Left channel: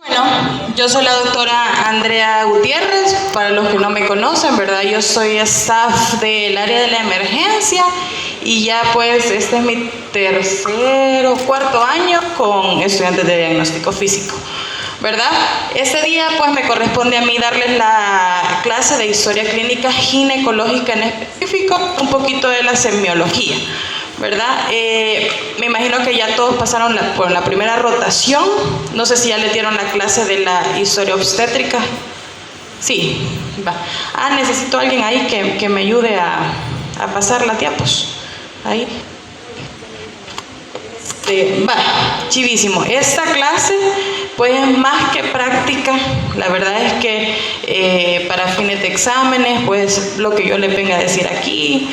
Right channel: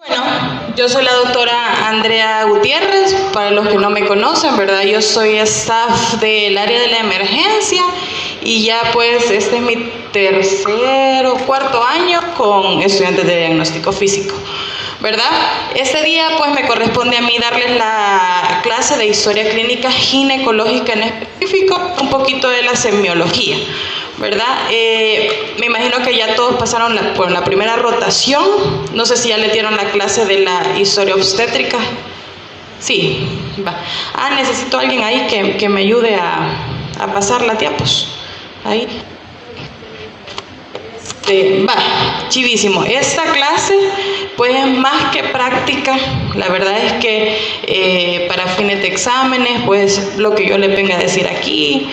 Bueno, yo soy la doctora Andrea Gutiérrez, para los que no me conocen, ¿verdad? Yo soy staff del área de la emergencia y ya pues este es mi tercer o cuarto año con estudiantes de diagnóstico físico, ¿verdad? Este día pues me corresponde a mí darles la clase de historia clínica ginecológica en específico, un poquito de la semiología, ¿verdad? Me imagino que ya todos pasaron por la primera rotación. No sé si ya le dieron la clase de la historia obstétrica. Sí, va. Necesito a alguien ahí que me ayude a pasar las diapos. Ahí. Va, chivísimo. Esta clase pues es más que práctica. La verdad es que para fines de exámenes, pues lo que yo le venga a decir aquí,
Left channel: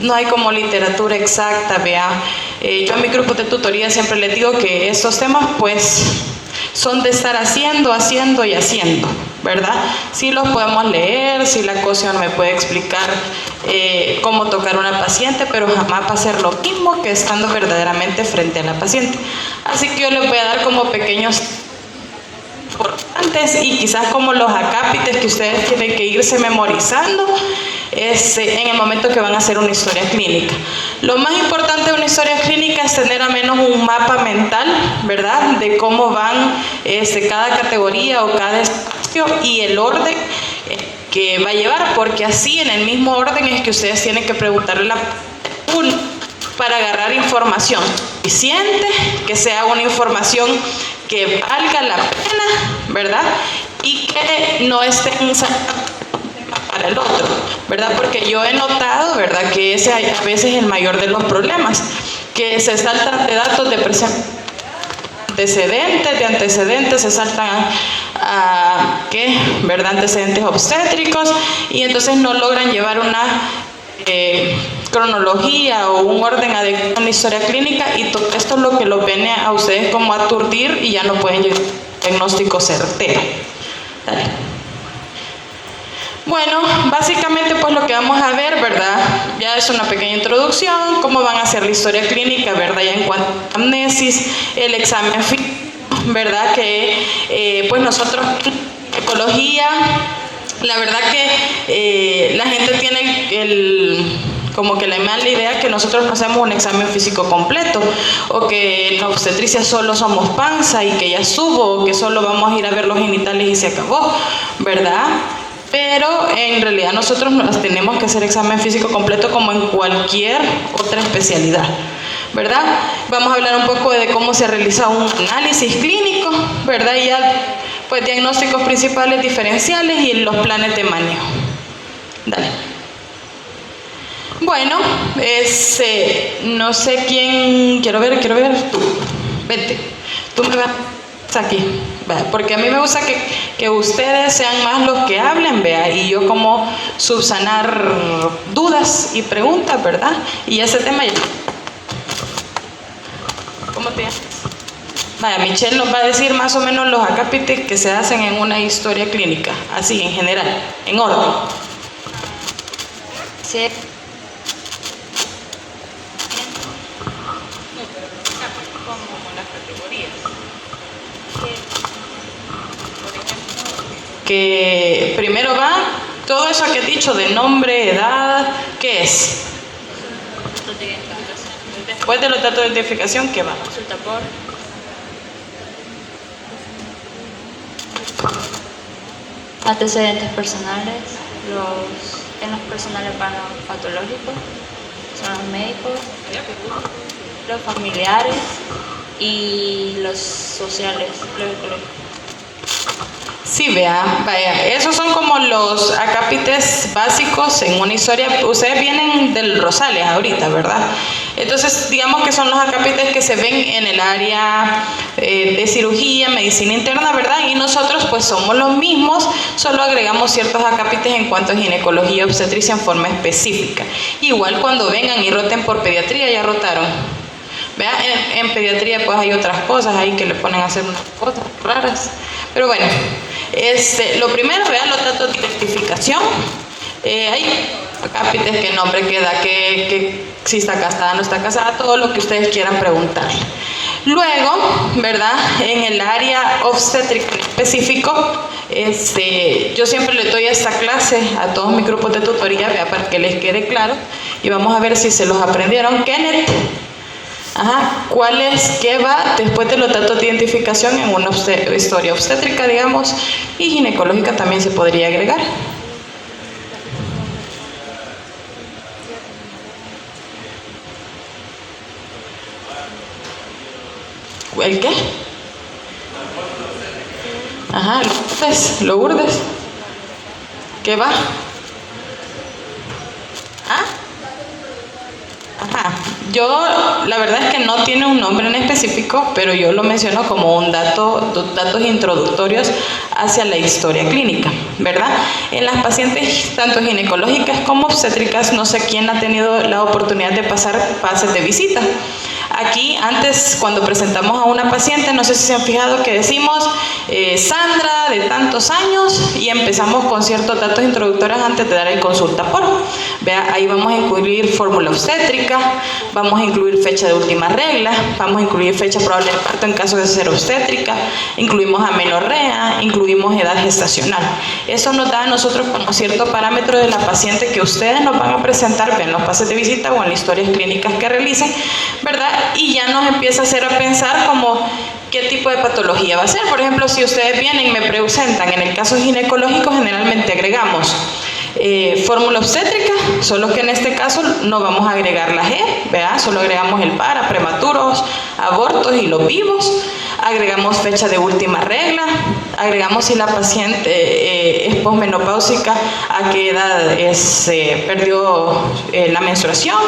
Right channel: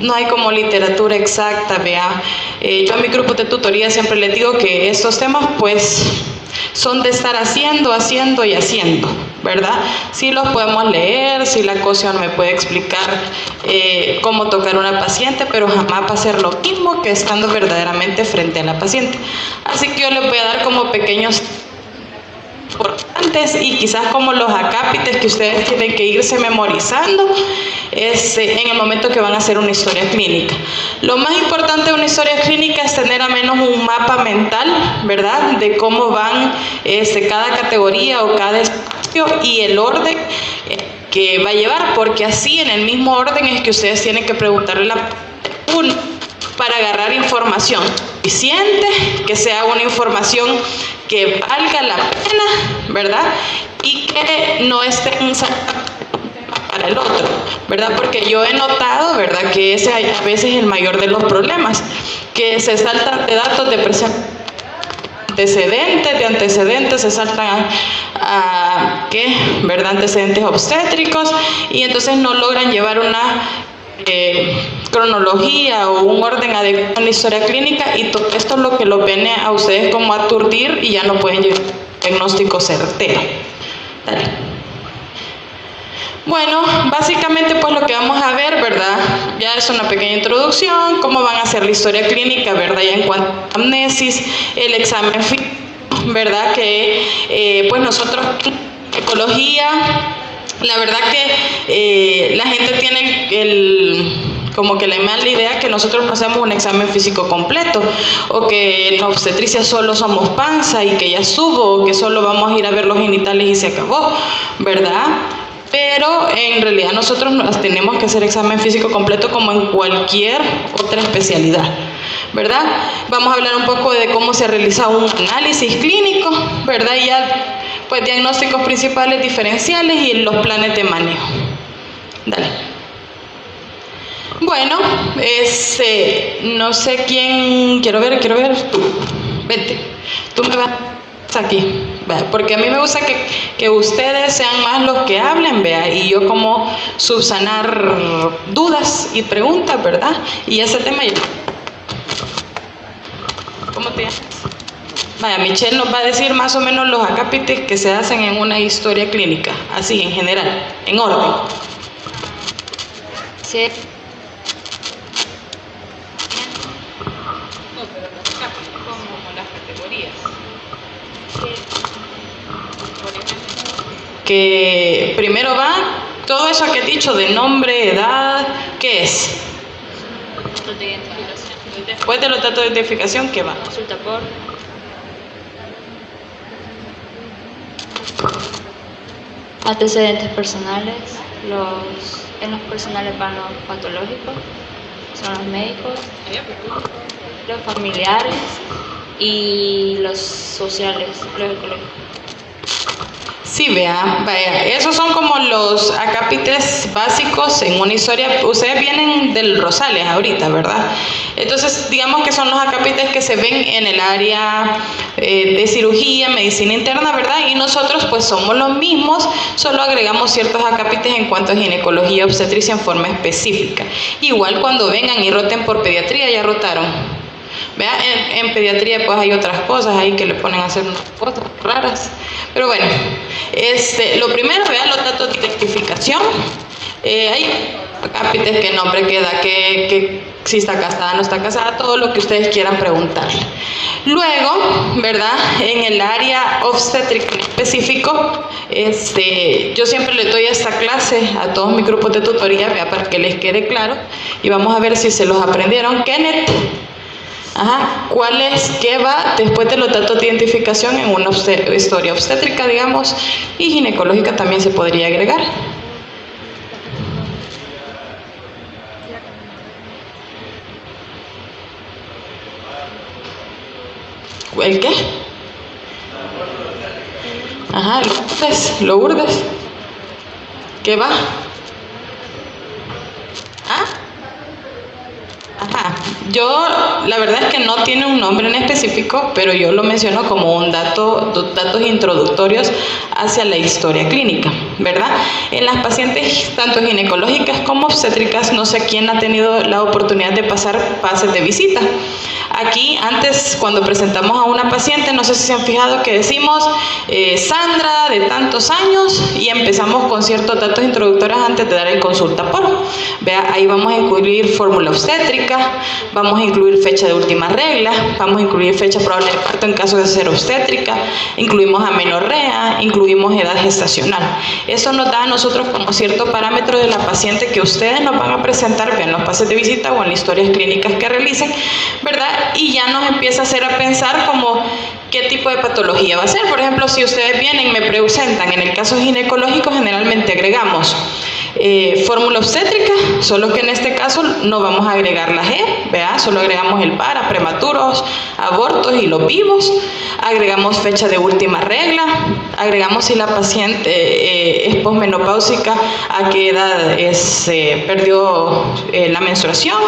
no hay como literatura exacta, vea. Yo a mi grupo de tutoría siempre les digo que estos temas pues son de estar haciendo, ¿verdad? Sí los podemos leer, sí la cosa me puede explicar cómo tocar a una paciente, pero jamás va a ser lo mismo que estando verdaderamente frente a la paciente. Así que yo les voy a dar como pequeños importantes y quizás como los acápites que ustedes tienen que irse memorizando en el momento que van a hacer una historia clínica. Lo más importante de una historia clínica es tener al menos un mapa mental, ¿verdad? De cómo van cada categoría o cada espacio y el orden que va a llevar, porque así en el mismo orden es que ustedes tienen que preguntarle para agarrar información suficiente, que sea una información que valga la pena, ¿verdad? Y que no esté para el otro, ¿verdad? Porque yo he notado, ¿verdad?, que ese a veces es el mayor de los problemas, que se saltan de datos de antecedentes, se saltan ¿verdad?, antecedentes obstétricos, y entonces no logran llevar una cronología o un orden adecuado en la historia clínica, y todo esto es lo que los viene a ustedes como a aturdir y ya no pueden llevar un diagnóstico certero. Dale. Bueno, básicamente pues lo que vamos a ver, ¿verdad? Ya es una pequeña introducción, cómo van a hacer la historia clínica, ¿verdad? Ya en cuanto a amnesis, el examen físico, ¿verdad? Que pues nosotros en ecología, la verdad que la gente tiene como que la mala idea que nosotros no hacemos un examen físico completo, o que en obstetricia solo somos panza y que ya subo, o que solo vamos a ir a ver los genitales y se acabó, ¿verdad? Pero en realidad nosotros tenemos que hacer examen físico completo como en cualquier otra especialidad, ¿verdad? Vamos a hablar un poco de cómo se realiza un análisis clínico, ¿verdad? Y ya pues diagnósticos principales, diferenciales y los planes de manejo. Dale. Bueno, no sé quién, quiero ver, tú, vete, tú me vas aquí, ¿vea? Porque a mí me gusta que ustedes sean más los que hablen, vea, y yo como subsanar dudas y preguntas, ¿verdad? Y ese tema ya. ¿Cómo te llamas? Vaya, Michelle nos va a decir más o menos los acápites que se hacen en una historia clínica, así en general, en orden. Sí. Que primero va todo eso que he dicho de nombre, edad, ¿qué es? Después de los datos de identificación, ¿qué va? Consulta por antecedentes personales, en los personales van los patológicos, son los médicos, los familiares y los sociales, los ecológicos. Sí, vaya, esos son como los acápites básicos en una historia. Ustedes vienen del Rosales ahorita, ¿verdad? Entonces, digamos que son los acápites que se ven en el área de cirugía, medicina interna, ¿verdad? Y nosotros pues somos los mismos, solo agregamos ciertos acápites en cuanto a ginecología, obstetricia en forma específica. Igual cuando vengan y roten por pediatría, ya rotaron. Vean, en pediatría pues hay otras cosas ahí que le ponen a hacer unas cosas raras. Pero bueno, lo primero, vean los datos de identificación. Hay acápites, qué nombre, qué edad, que si está casada, no está casada, todo lo que ustedes quieran preguntar. Luego, ¿verdad? En el área obstétrica en específico, yo siempre le doy esta clase a todos mis grupos de tutoría, ¿verdad? Para que les quede claro, y vamos a ver si se los aprendieron. Kenneth, ¿cuál es, qué va después de los datos de identificación en una historia obstétrica, digamos, y ginecológica también se podría agregar? ¿El qué? Lourdes. ¿Qué va? Yo, la verdad es que no tiene un nombre en específico, pero yo lo menciono como un datos introductorios hacia la historia clínica, ¿verdad? En las pacientes, tanto ginecológicas como obstétricas, no sé quién ha tenido la oportunidad de pasar pases de visita. Aquí, antes, cuando presentamos a una paciente, no sé si se han fijado que decimos Sandra, de tantos años, y empezamos con ciertos datos introductorios antes de dar el consulta por. Vea, ahí vamos a incluir fórmula obstétrica, vamos a incluir fecha de última regla, vamos a incluir fecha probable de parto en caso de ser obstétrica, incluimos amenorrea, incluimos edad gestacional. Eso nos da a nosotros como cierto parámetro de la paciente que ustedes nos van a presentar en los pases de visita o en las historias clínicas que realicen, ¿verdad? Y ya nos empieza a hacer a pensar como qué tipo de patología va a ser. Por ejemplo, si ustedes vienen y me presentan, en el caso ginecológico generalmente agregamos fórmula obstétrica, solo que en este caso no vamos a agregar la G, ¿verdad? Solo agregamos el para, prematuros, abortos y los vivos, agregamos fecha de última regla, agregamos si la paciente es posmenopáusica, a qué edad perdió la menstruación,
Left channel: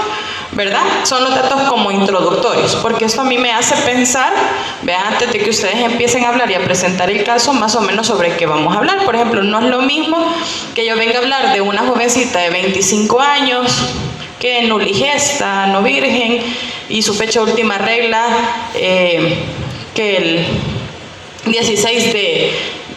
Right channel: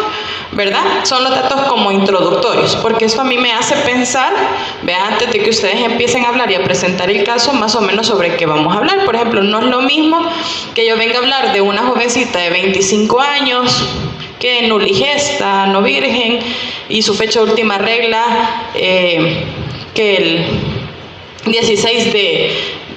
¿verdad? Son los datos como introductorios, porque esto a mí me hace pensar, vean, antes de que ustedes empiecen a hablar y a presentar el caso, más o menos sobre qué vamos a hablar. Por ejemplo, no es lo mismo que yo venga a hablar de una jovencita de 25 años, que nuligesta, no virgen, y su fecha de última regla, que el 16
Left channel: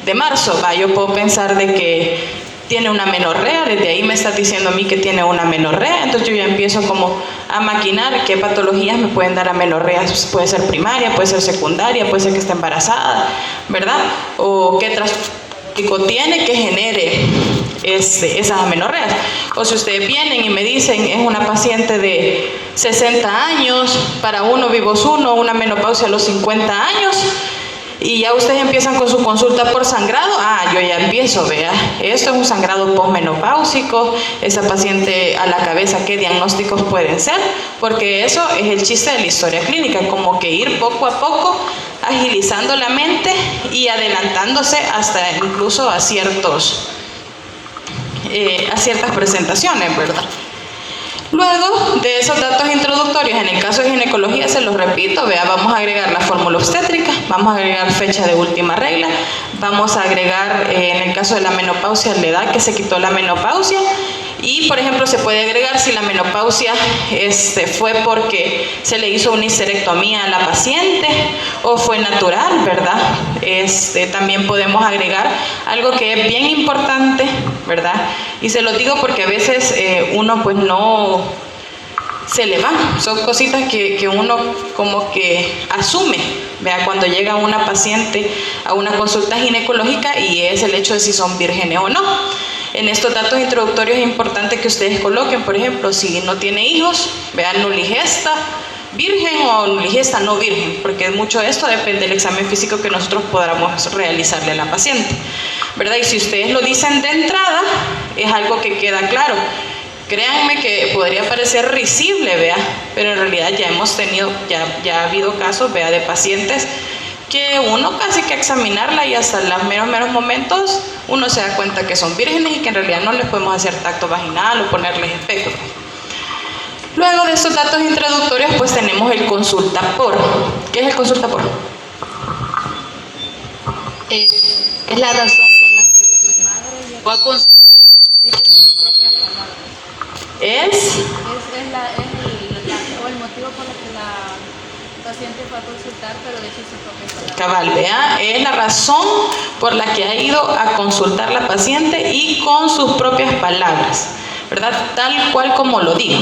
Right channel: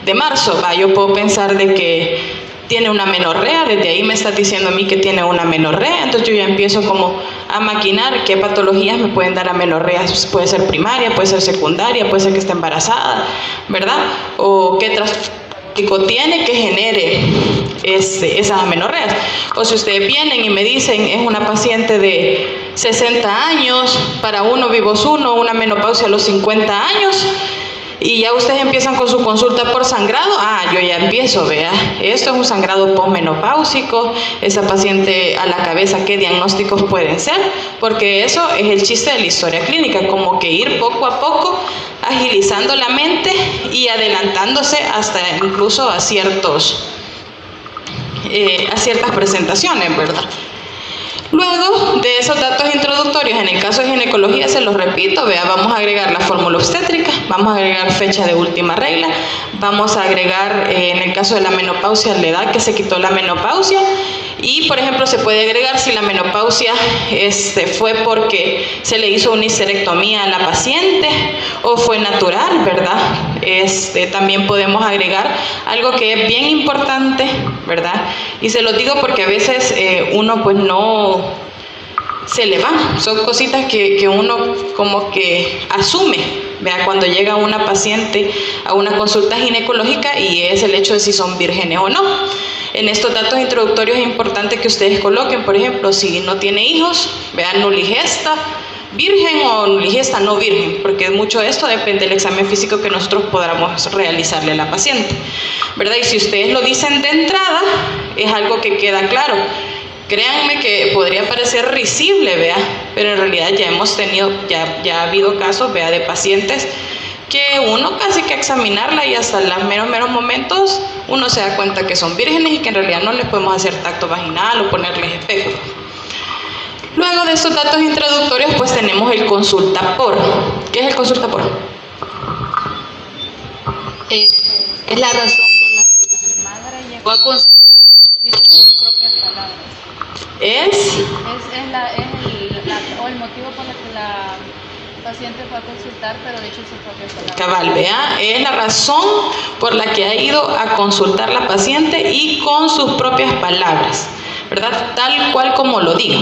de marzo, yo puedo pensar de que tiene una amenorrea, desde ahí me está diciendo a mí que tiene una amenorrea, entonces yo ya empiezo como a maquinar qué patologías me pueden dar amenorrea, puede ser primaria, puede ser secundaria, puede ser que esté embarazada, ¿verdad? O qué trastorno tiene que genere esas amenorreas. O si ustedes vienen y me dicen, es una paciente de 60 años, para uno vivos uno, una menopausia a los 50 años, y ya ustedes empiezan con su consulta por sangrado, yo ya empiezo, vea, esto es un sangrado posmenopáusico, esa paciente a la cabeza, ¿qué diagnósticos pueden ser? Porque eso es el chiste de la historia clínica, como que ir poco a poco agilizando la mente y adelantándose hasta incluso a ciertas presentaciones, ¿verdad? Luego de esos datos introductorios, en el caso de ginecología, se los repito, vea, vamos a agregar la fórmula obstétrica, vamos a agregar fecha de última regla, vamos a agregar, en el caso de la menopausia, la edad que se quitó la menopausia, y por ejemplo se puede agregar si la menopausia fue porque se le hizo una histerectomía a la paciente o fue natural, ¿verdad? También podemos agregar algo que es bien importante, ¿verdad? Y se lo digo porque a veces uno pues no se le va, son cositas que uno como que asume, vea, cuando llega una paciente a una consulta ginecológica, y es el hecho de si son vírgenes o no. En estos datos introductorios es importante que ustedes coloquen, por ejemplo, si no tiene hijos, vean nuligesta, virgen o nuligesta no virgen, porque mucho de esto depende del examen físico que nosotros podamos realizarle a la paciente, ¿verdad? Y si ustedes lo dicen de entrada, es algo que queda claro. Créanme que podría parecer risible, vea, pero en realidad ya hemos tenido, ya ha habido casos, vea, de pacientes que uno casi que examinarla y hasta los meros momentos uno se da cuenta que son vírgenes y que en realidad no les podemos hacer tacto vaginal o ponerles espéculos. Luego de estos datos introductorios, pues tenemos el consulta por. ¿Qué es el consulta por? Es la razón por la que la madre llegó a consultar, dice sus propias palabras. Es el motivo por el que la paciente fue a consultar, pero dice sus propias palabras. Cabal, vea, es la razón por la que ha ido a consultar la paciente y con sus propias palabras, ¿verdad? Tal cual como lo digo.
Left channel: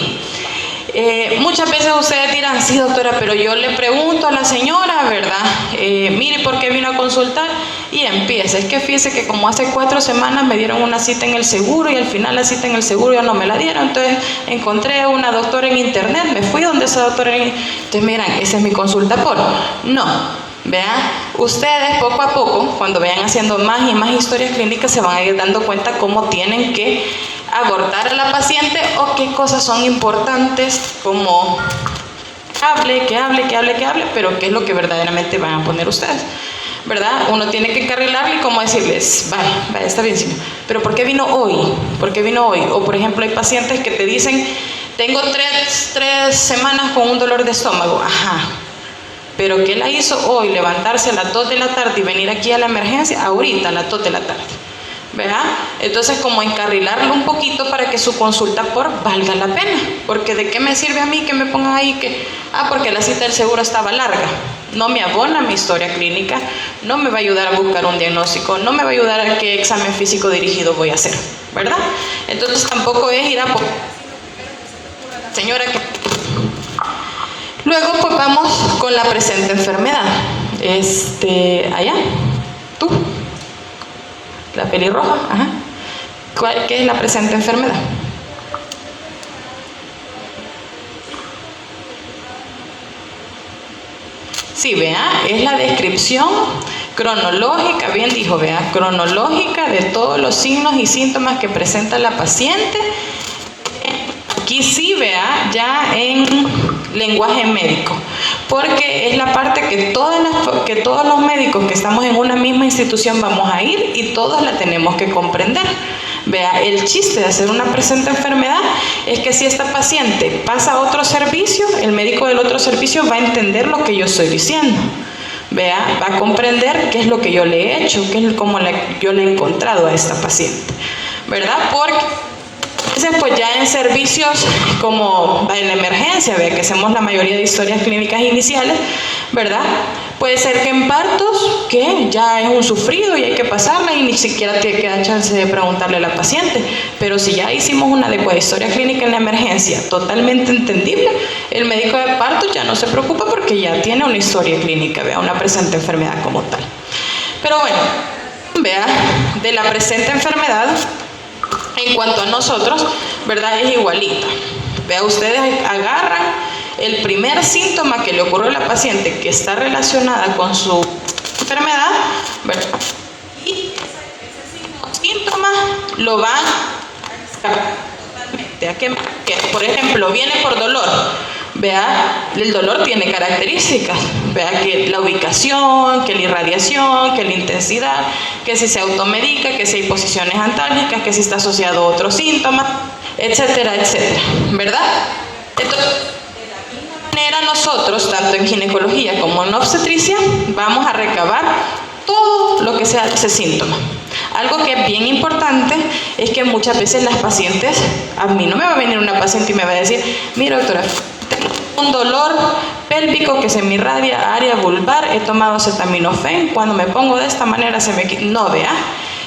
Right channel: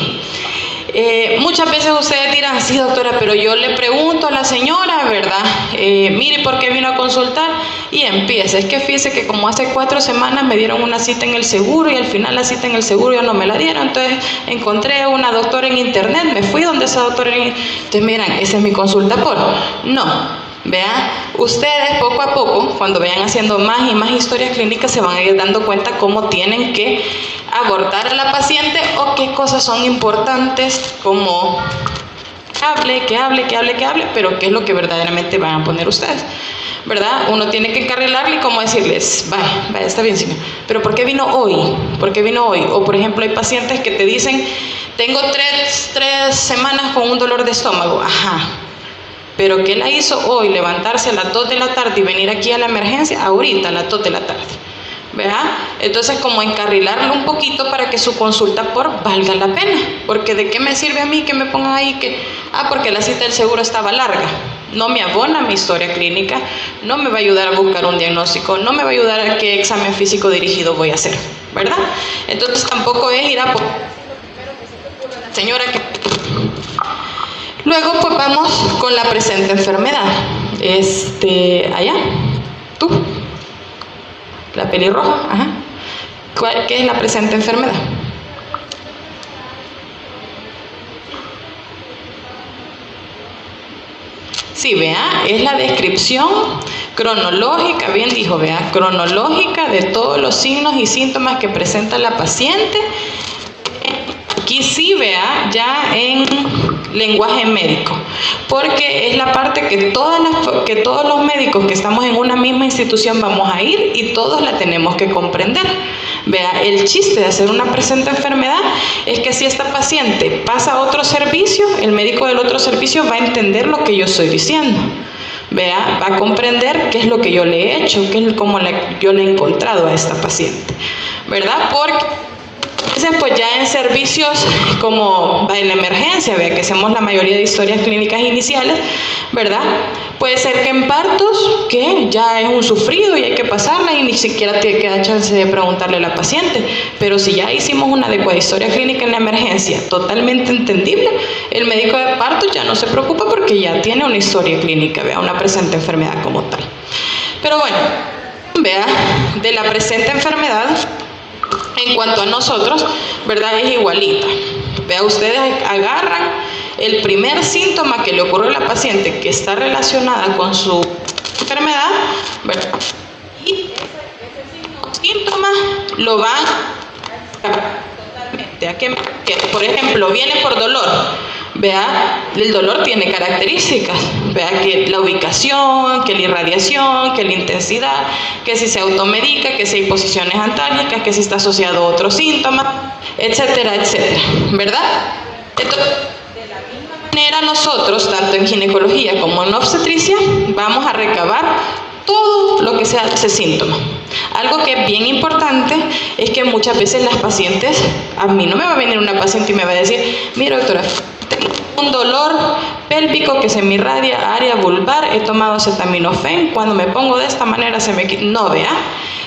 Muchas veces ustedes dirán, sí doctora, pero yo le pregunto a la señora, ¿verdad? Mire, ¿por qué vino a consultar? Y empieza, es que fíjese que como hace 4 semanas me dieron una cita en el seguro y al final la cita en el seguro ya no me la dieron, entonces encontré a una doctora en internet, me fui donde esa doctora entonces miran, esa es mi consulta por... No, vean, ustedes poco a poco, cuando vayan haciendo más y más historias clínicas, se van a ir dando cuenta cómo tienen que abordar a la paciente o qué cosas son importantes, como que hable, pero qué es lo que verdaderamente van a poner ustedes, ¿verdad? Uno tiene que encarrilarle y como decirles, vaya, está bien, señor, pero ¿por qué vino hoy? ¿Por qué vino hoy? O por ejemplo, hay pacientes que te dicen, tengo tres semanas con un dolor de estómago, ajá, pero ¿qué la hizo hoy? Levantarse a las 2 de la tarde y venir aquí a la emergencia, ahorita a las 2 de la tarde. ¿Verdad? Entonces, como encarrilarlo un poquito para que su consulta por valga la pena, porque ¿de qué me sirve a mí que me pongan ahí que, porque la cita del seguro estaba larga? No me abona mi historia clínica, no me va a ayudar a buscar un diagnóstico, no me va a ayudar a qué examen físico dirigido voy a hacer, ¿verdad? Entonces, tampoco es ir a por señora que... Luego, pues vamos con la presente enfermedad. Allá, tú. La pelirroja, ajá. ¿Qué es la presente enfermedad? Sí, vea, es la descripción cronológica, bien dijo, vea, cronológica de todos los signos y síntomas que presenta la paciente. Aquí sí, vea, ya en lenguaje médico, porque es la parte que todos los médicos que estamos en una misma institución vamos a ir y todos la tenemos que comprender. Vea, el chiste de hacer una presente enfermedad es que si esta paciente pasa a otro servicio, el médico del otro servicio va a entender lo que yo estoy diciendo. Vea, va a comprender qué es lo que yo le he hecho, qué es como yo le he encontrado a esta paciente, ¿verdad? Porque pues ya en servicios como en la emergencia, vea que hacemos la mayoría de historias clínicas iniciales, ¿verdad? Puede ser que en partos, que ya es un sufrido y hay que pasarla y ni siquiera te queda chance de preguntarle a la paciente, pero si ya hicimos una adecuada historia clínica en la emergencia, totalmente entendible, el médico de parto ya no se preocupa porque ya tiene una historia clínica, vea, una presente enfermedad como tal. Pero bueno, vea, de la presente enfermedad, en cuanto a nosotros, ¿verdad? Es igualita. Vea, ustedes agarran el primer síntoma que le ocurrió a la paciente que está relacionada con su enfermedad, ¿verdad? Y ese síntoma lo van a que, por ejemplo, viene por dolor. Vea, el dolor tiene características, vea que la ubicación, que la irradiación, que la intensidad, que si se automedica, que si hay posiciones antálgicas, que si está asociado a otros síntomas, etcétera, etcétera, ¿verdad? Entonces, de la misma manera nosotros, tanto en ginecología como en obstetricia, vamos a recabar todo lo que sea ese síntoma. Algo que es bien importante es que muchas veces las pacientes, a mí no me va a venir una paciente y me va a decir, mira doctora, tengo un dolor pélvico que se me irradia área vulvar, he tomado acetaminofén, cuando me pongo de esta manera se me quita, no vea,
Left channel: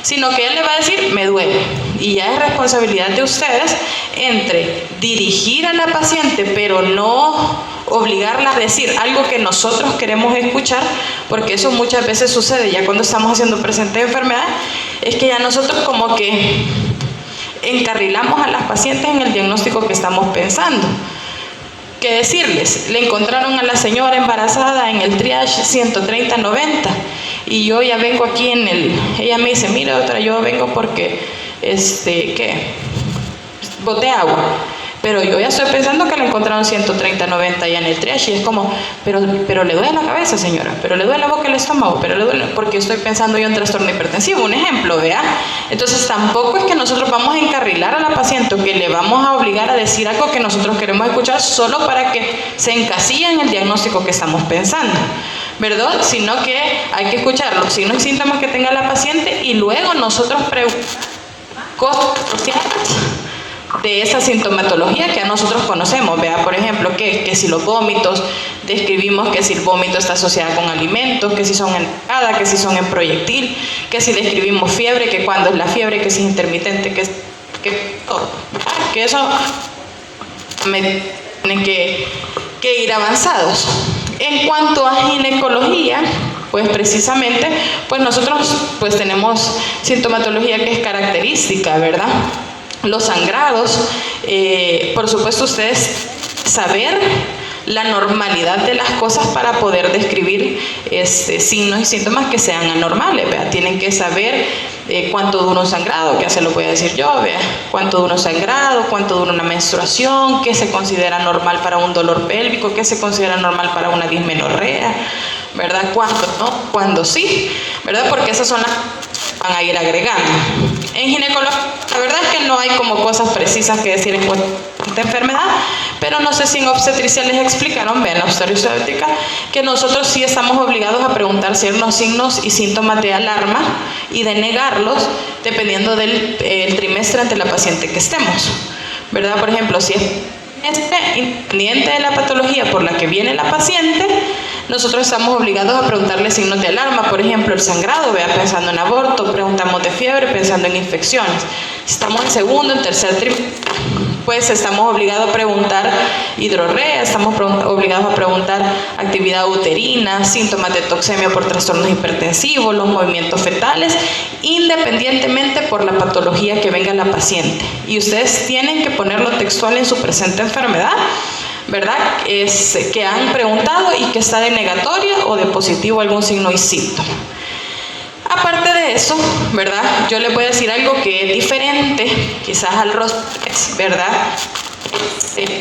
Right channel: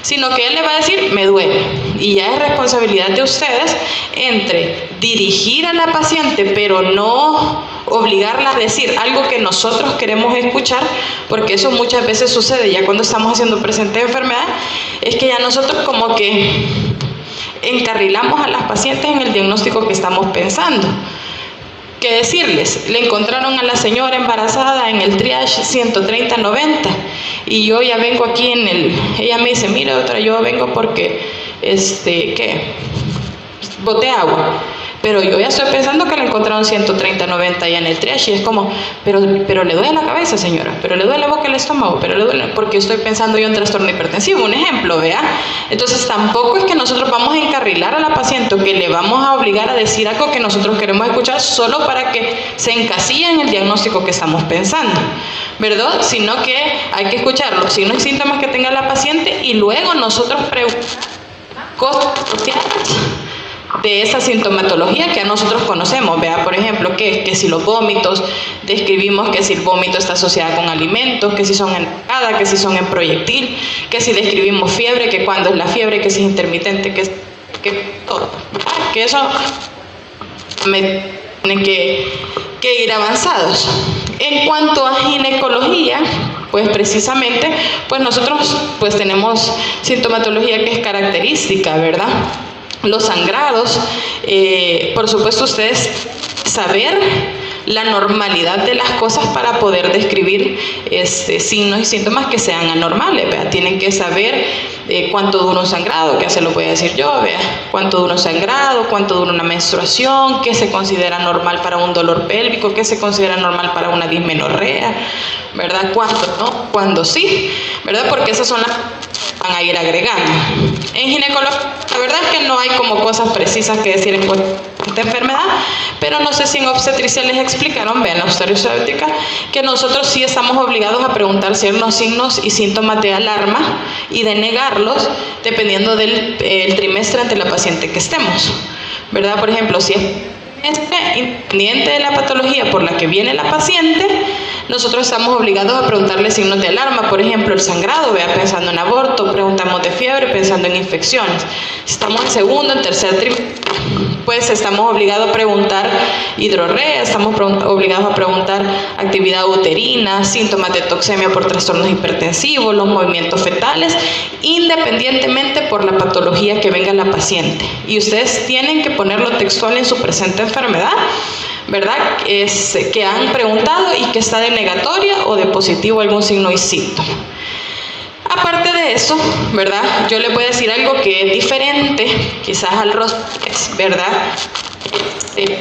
sino que él le va a decir, me duele. Y ya es responsabilidad de ustedes entre dirigir a la paciente, pero no obligarla a decir algo que nosotros queremos escuchar, porque eso muchas veces sucede ya cuando estamos haciendo presente de enfermedad, es que ya nosotros como que encarrilamos a las pacientes en el diagnóstico que estamos pensando. ¿Qué decirles? Le encontraron a la señora embarazada en el triage 130-90 y yo ya vengo aquí ella me dice, mire doctora, yo vengo porque, boté agua, pero yo ya estoy pensando que le encontraron 130-90 ya en el triage y es como, pero le duele la cabeza señora, pero le duele la boca, el estómago, pero le duele, porque estoy pensando yo en trastorno hipertensivo, un ejemplo, vea. Entonces tampoco es que nosotros vamos a encarrilar a la paciente o que le vamos a obligar a decir algo que nosotros queremos escuchar solo para que se encasille en el diagnóstico que estamos pensando, ¿verdad? Sino que hay que escuchar los signos y síntomas que tenga la paciente y luego nosotros preguntamos cosas sociales de esa sintomatología que nosotros conocemos, vea, por ejemplo, que si los vómitos, describimos que si el vómito está asociado con alimentos, que si son en arcada, que si son en proyectil, que si describimos fiebre, que cuando es la fiebre, que si es intermitente, que todo, que eso tienen que ir avanzados. En cuanto a ginecología, pues precisamente, pues nosotros pues tenemos sintomatología que es característica, ¿verdad? Los sangrados, por supuesto ustedes saber la normalidad de las cosas para poder describir signos y síntomas que sean anormales, ¿verdad? Tienen que saber cuánto dura un sangrado, que ya se lo voy a decir yo, ¿verdad? Cuánto dura un sangrado, cuánto dura una menstruación, qué se considera normal para un dolor pélvico, qué se considera normal para una dismenorrea, ¿verdad? ¿Cuánto no? ¿Cuándo sí? ¿Verdad? Porque esas son las que van a ir agregando. En ginecología, la verdad es que no hay como cosas precisas que decir en cuanto a esta enfermedad, pero no sé si en obstetricia les explicaron, vean la obstetrística, que nosotros sí estamos obligados a preguntar ciertos signos y síntomas de alarma y de negarlos dependiendo del trimestre ante la paciente que estemos, ¿verdad? Por ejemplo, si es independiente de la patología por la que viene la paciente, nosotros estamos obligados a preguntarle signos de alarma, por ejemplo, el sangrado, vea, pensando en aborto, preguntamos de fiebre, pensando en infecciones. Si estamos en segundo, en tercer trimestre, pues estamos obligados a preguntar hidrorrea, estamos obligados a preguntar actividad uterina, síntomas de toxemia por trastornos hipertensivos, los movimientos fetales, independientemente por la patología que venga la paciente. Y ustedes tienen que ponerlo textual en su presente enfermedad, ¿verdad? Que han preguntado y que está de negatoria o de positivo algún signo y síntoma. Aparte de eso, ¿verdad? Yo les voy a decir algo que es diferente, quizás al Rostex, ¿verdad?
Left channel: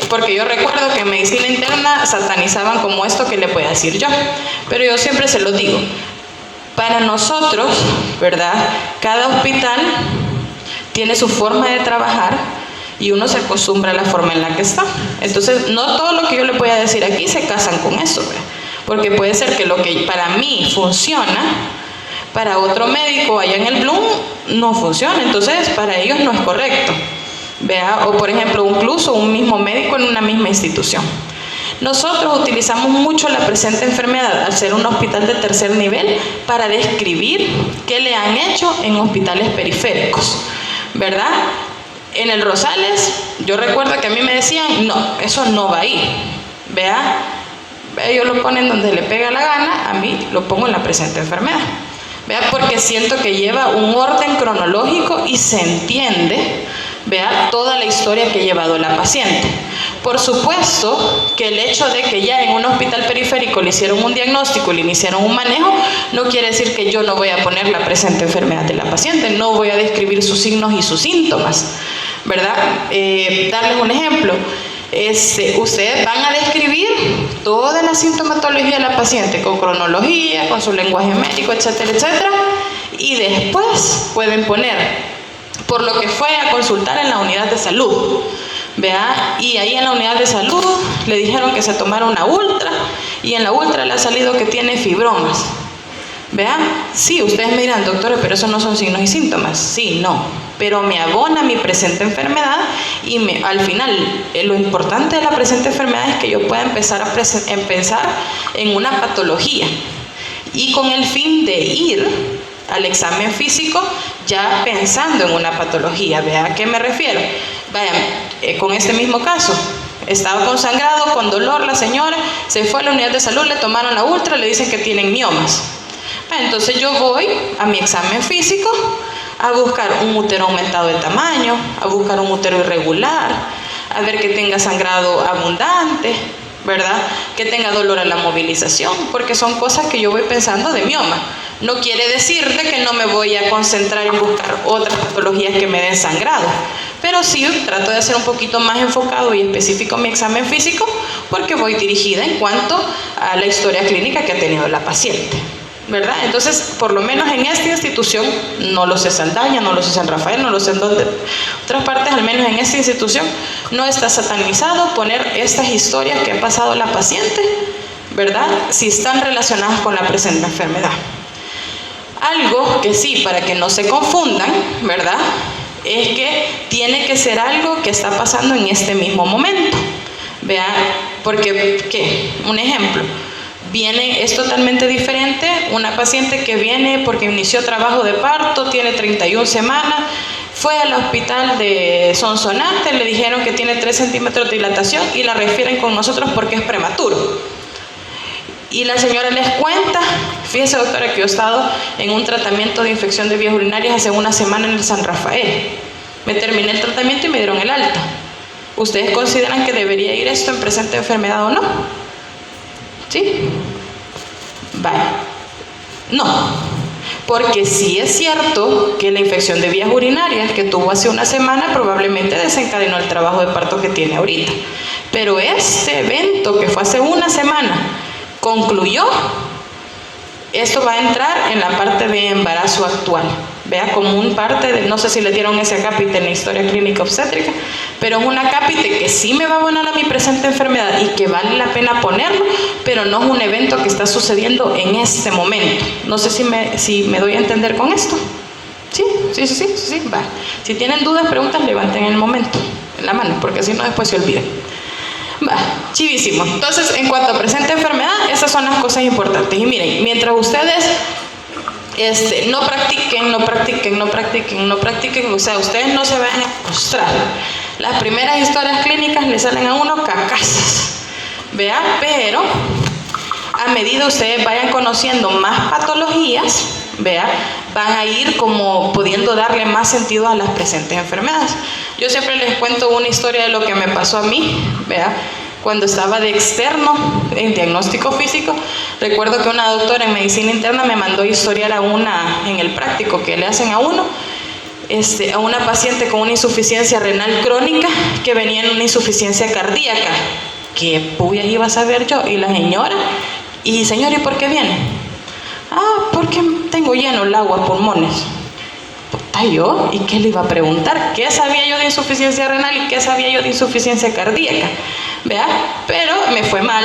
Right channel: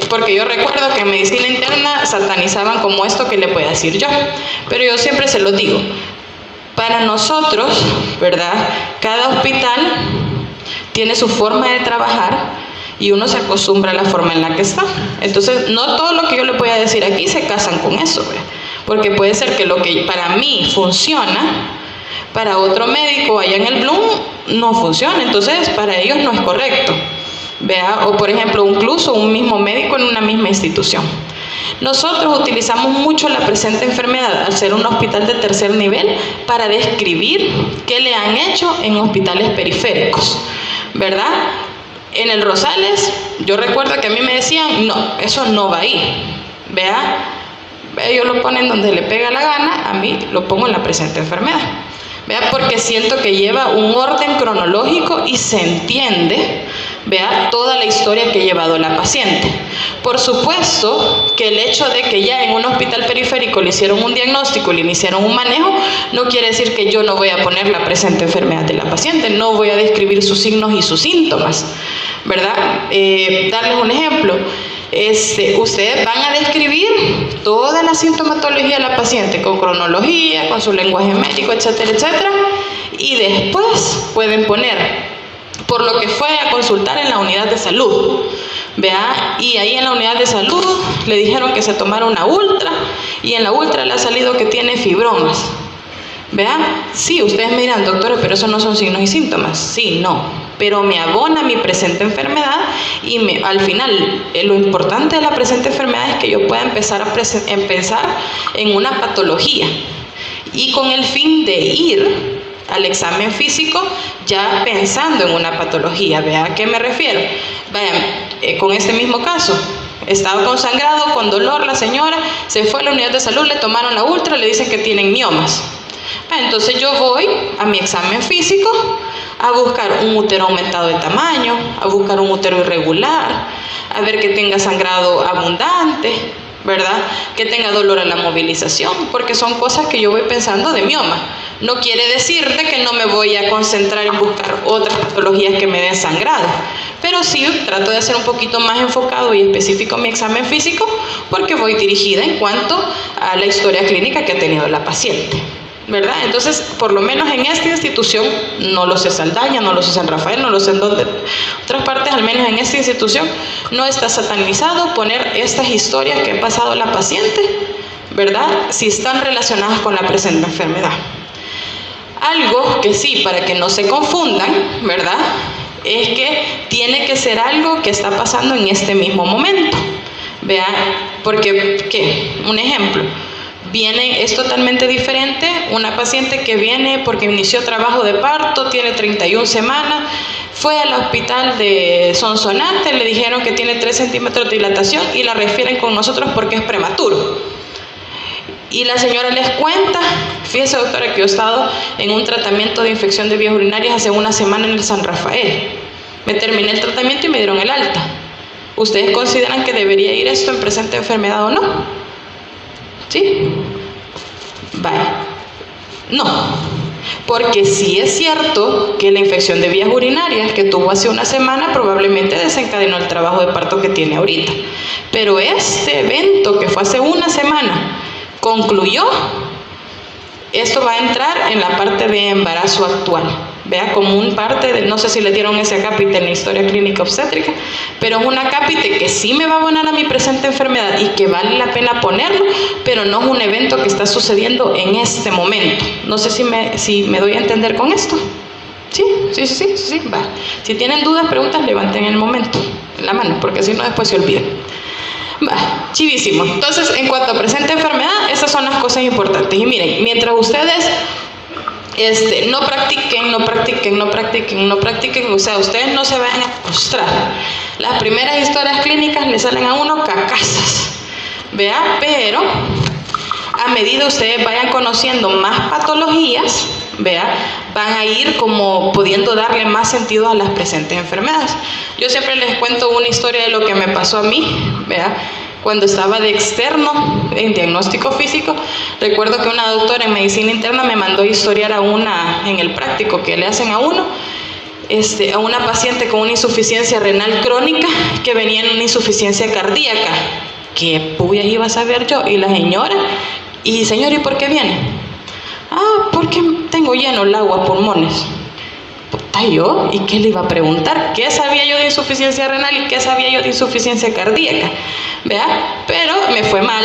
Porque yo recuerdo que en medicina interna satanizaban como esto que le puedo decir yo, pero yo siempre se lo digo. Para nosotros, ¿verdad? Cada hospital tiene su forma de trabajar y uno se acostumbra a la forma en la que está. Entonces, no todo lo que yo le voy a decir aquí se casan con eso, ¿verdad? Porque puede ser que lo que para mí funciona, para otro médico allá en el Bloom no funciona, entonces para ellos no es correcto, ¿vea? O por ejemplo, incluso un mismo médico en una misma institución. Nosotros utilizamos mucho la presente enfermedad al ser un hospital de tercer nivel para describir qué le han hecho en hospitales periféricos, ¿verdad? En el Rosales, yo recuerdo que a mí me decían, no, eso no va ahí, ¿vea? Ellos lo ponen donde le pega la gana, a mí lo pongo en la presente enfermedad. ¿Vea? Porque siento que lleva un orden cronológico y se entiende, ¿vea? Toda la historia que ha llevado la paciente. Por supuesto que el hecho de que ya en un hospital periférico le hicieron un diagnóstico, le iniciaron un manejo, no quiere decir que yo no voy a poner la presente enfermedad de la paciente, no voy a describir sus signos y sus síntomas, ¿verdad? Darles un ejemplo. Ustedes van a describir toda la sintomatología de la paciente con cronología, con su lenguaje médico, etcétera, etcétera, y después pueden poner por lo que fue a consultar en la unidad de salud, ¿vea? Y ahí en la unidad de salud le dijeron que se tomara una ultra y en la ultra le ha salido que tiene fibromas, ¿vea? Sí, ustedes me dirán, doctora, pero eso no son signos y síntomas. Sí, no, pero me abona mi presente enfermedad y al final lo importante de la presente enfermedad es que yo pueda empezar a pensar en una patología y con el fin de ir al examen físico ya pensando en una patología. ¿Vea a qué me refiero? Vayan, con este mismo caso, estaba con sangrado, con dolor la señora, se fue a la unidad de salud, le tomaron la ultra, le dicen que tienen miomas. Entonces yo voy a mi examen físico a buscar un útero aumentado de tamaño, a buscar un útero irregular, a ver que tenga sangrado abundante, ¿verdad? Que tenga dolor a la movilización, porque son cosas que yo voy pensando de mioma. No quiere decirte que no me voy a concentrar en buscar otras patologías que me den sangrado, pero sí trato de hacer un poquito más enfocado y específico mi examen físico, porque voy dirigida en cuanto a la historia clínica que ha tenido la paciente, ¿verdad? Entonces, por lo menos en esta institución, no lo sé Saldaña, no lo sé San Rafael, no lo sé en dónde, otras partes, al menos en esta institución, no está satanizado poner estas historias que ha pasado la paciente, ¿verdad? Si están relacionadas con la presente enfermedad. Algo que sí, para que no se confundan, ¿verdad? Es que tiene que ser algo que está pasando en este mismo momento, ¿vea? Porque, ¿qué? Un ejemplo. Es totalmente diferente una paciente que viene porque inició trabajo de parto, tiene 31 semanas, Fue al hospital de Sonsonate, le dijeron que tiene 3 centímetros de dilatación y la refieren con nosotros porque es prematuro. Y la señora les cuenta, fíjese doctora que yo he estado en un tratamiento de infección de vías urinarias hace una semana en el San Rafael. Me terminé el tratamiento y me dieron el alta. ¿Ustedes consideran que debería ir esto en presente enfermedad o no? ¿Sí? Vale. No, porque sí es cierto que la infección de vías urinarias que tuvo hace una semana probablemente desencadenó el trabajo de parto que tiene ahorita. Pero este evento que fue hace una semana concluyó, esto va a entrar en la parte de embarazo actual. Vea, como un parte de, no sé si le dieron ese acápite en la historia clínica obstétrica, pero es un acápite que sí me va a abonar a mi presente enfermedad y que vale la pena ponerlo, pero no es un evento que está sucediendo en este momento. No sé si me doy a entender con esto. Sí, va. Si tienen dudas, preguntas, levanten en el momento, en la mano, porque si no después se olvidan. Va, chivísimo. Entonces, en cuanto a presente enfermedad, esas son las cosas importantes. Y miren, mientras ustedes no practiquen, o sea, ustedes no se vayan a frustrar. Las primeras historias clínicas le salen a uno cacasas, ¿vea? Pero a medida ustedes vayan conociendo más patologías, ¿vea? Van a ir como pudiendo darle más sentido a las presentes enfermedades. Yo siempre les cuento una historia de lo que me pasó a mí, ¿vea? Cuando estaba de externo en diagnóstico físico, recuerdo que una doctora en medicina interna me mandó historiar en el práctico que le hacen a uno, a una paciente con una insuficiencia renal crónica que venía en una insuficiencia cardíaca. ¿Qué puyas iba a saber yo? Y la señora, y señor, ¿y por qué viene? Ah, porque tengo lleno el agua, pulmones. Puta, yo, ¿y qué le iba a preguntar? ¿Qué sabía yo de insuficiencia renal y qué sabía yo de insuficiencia cardíaca? ¿Vea? Pero me fue mal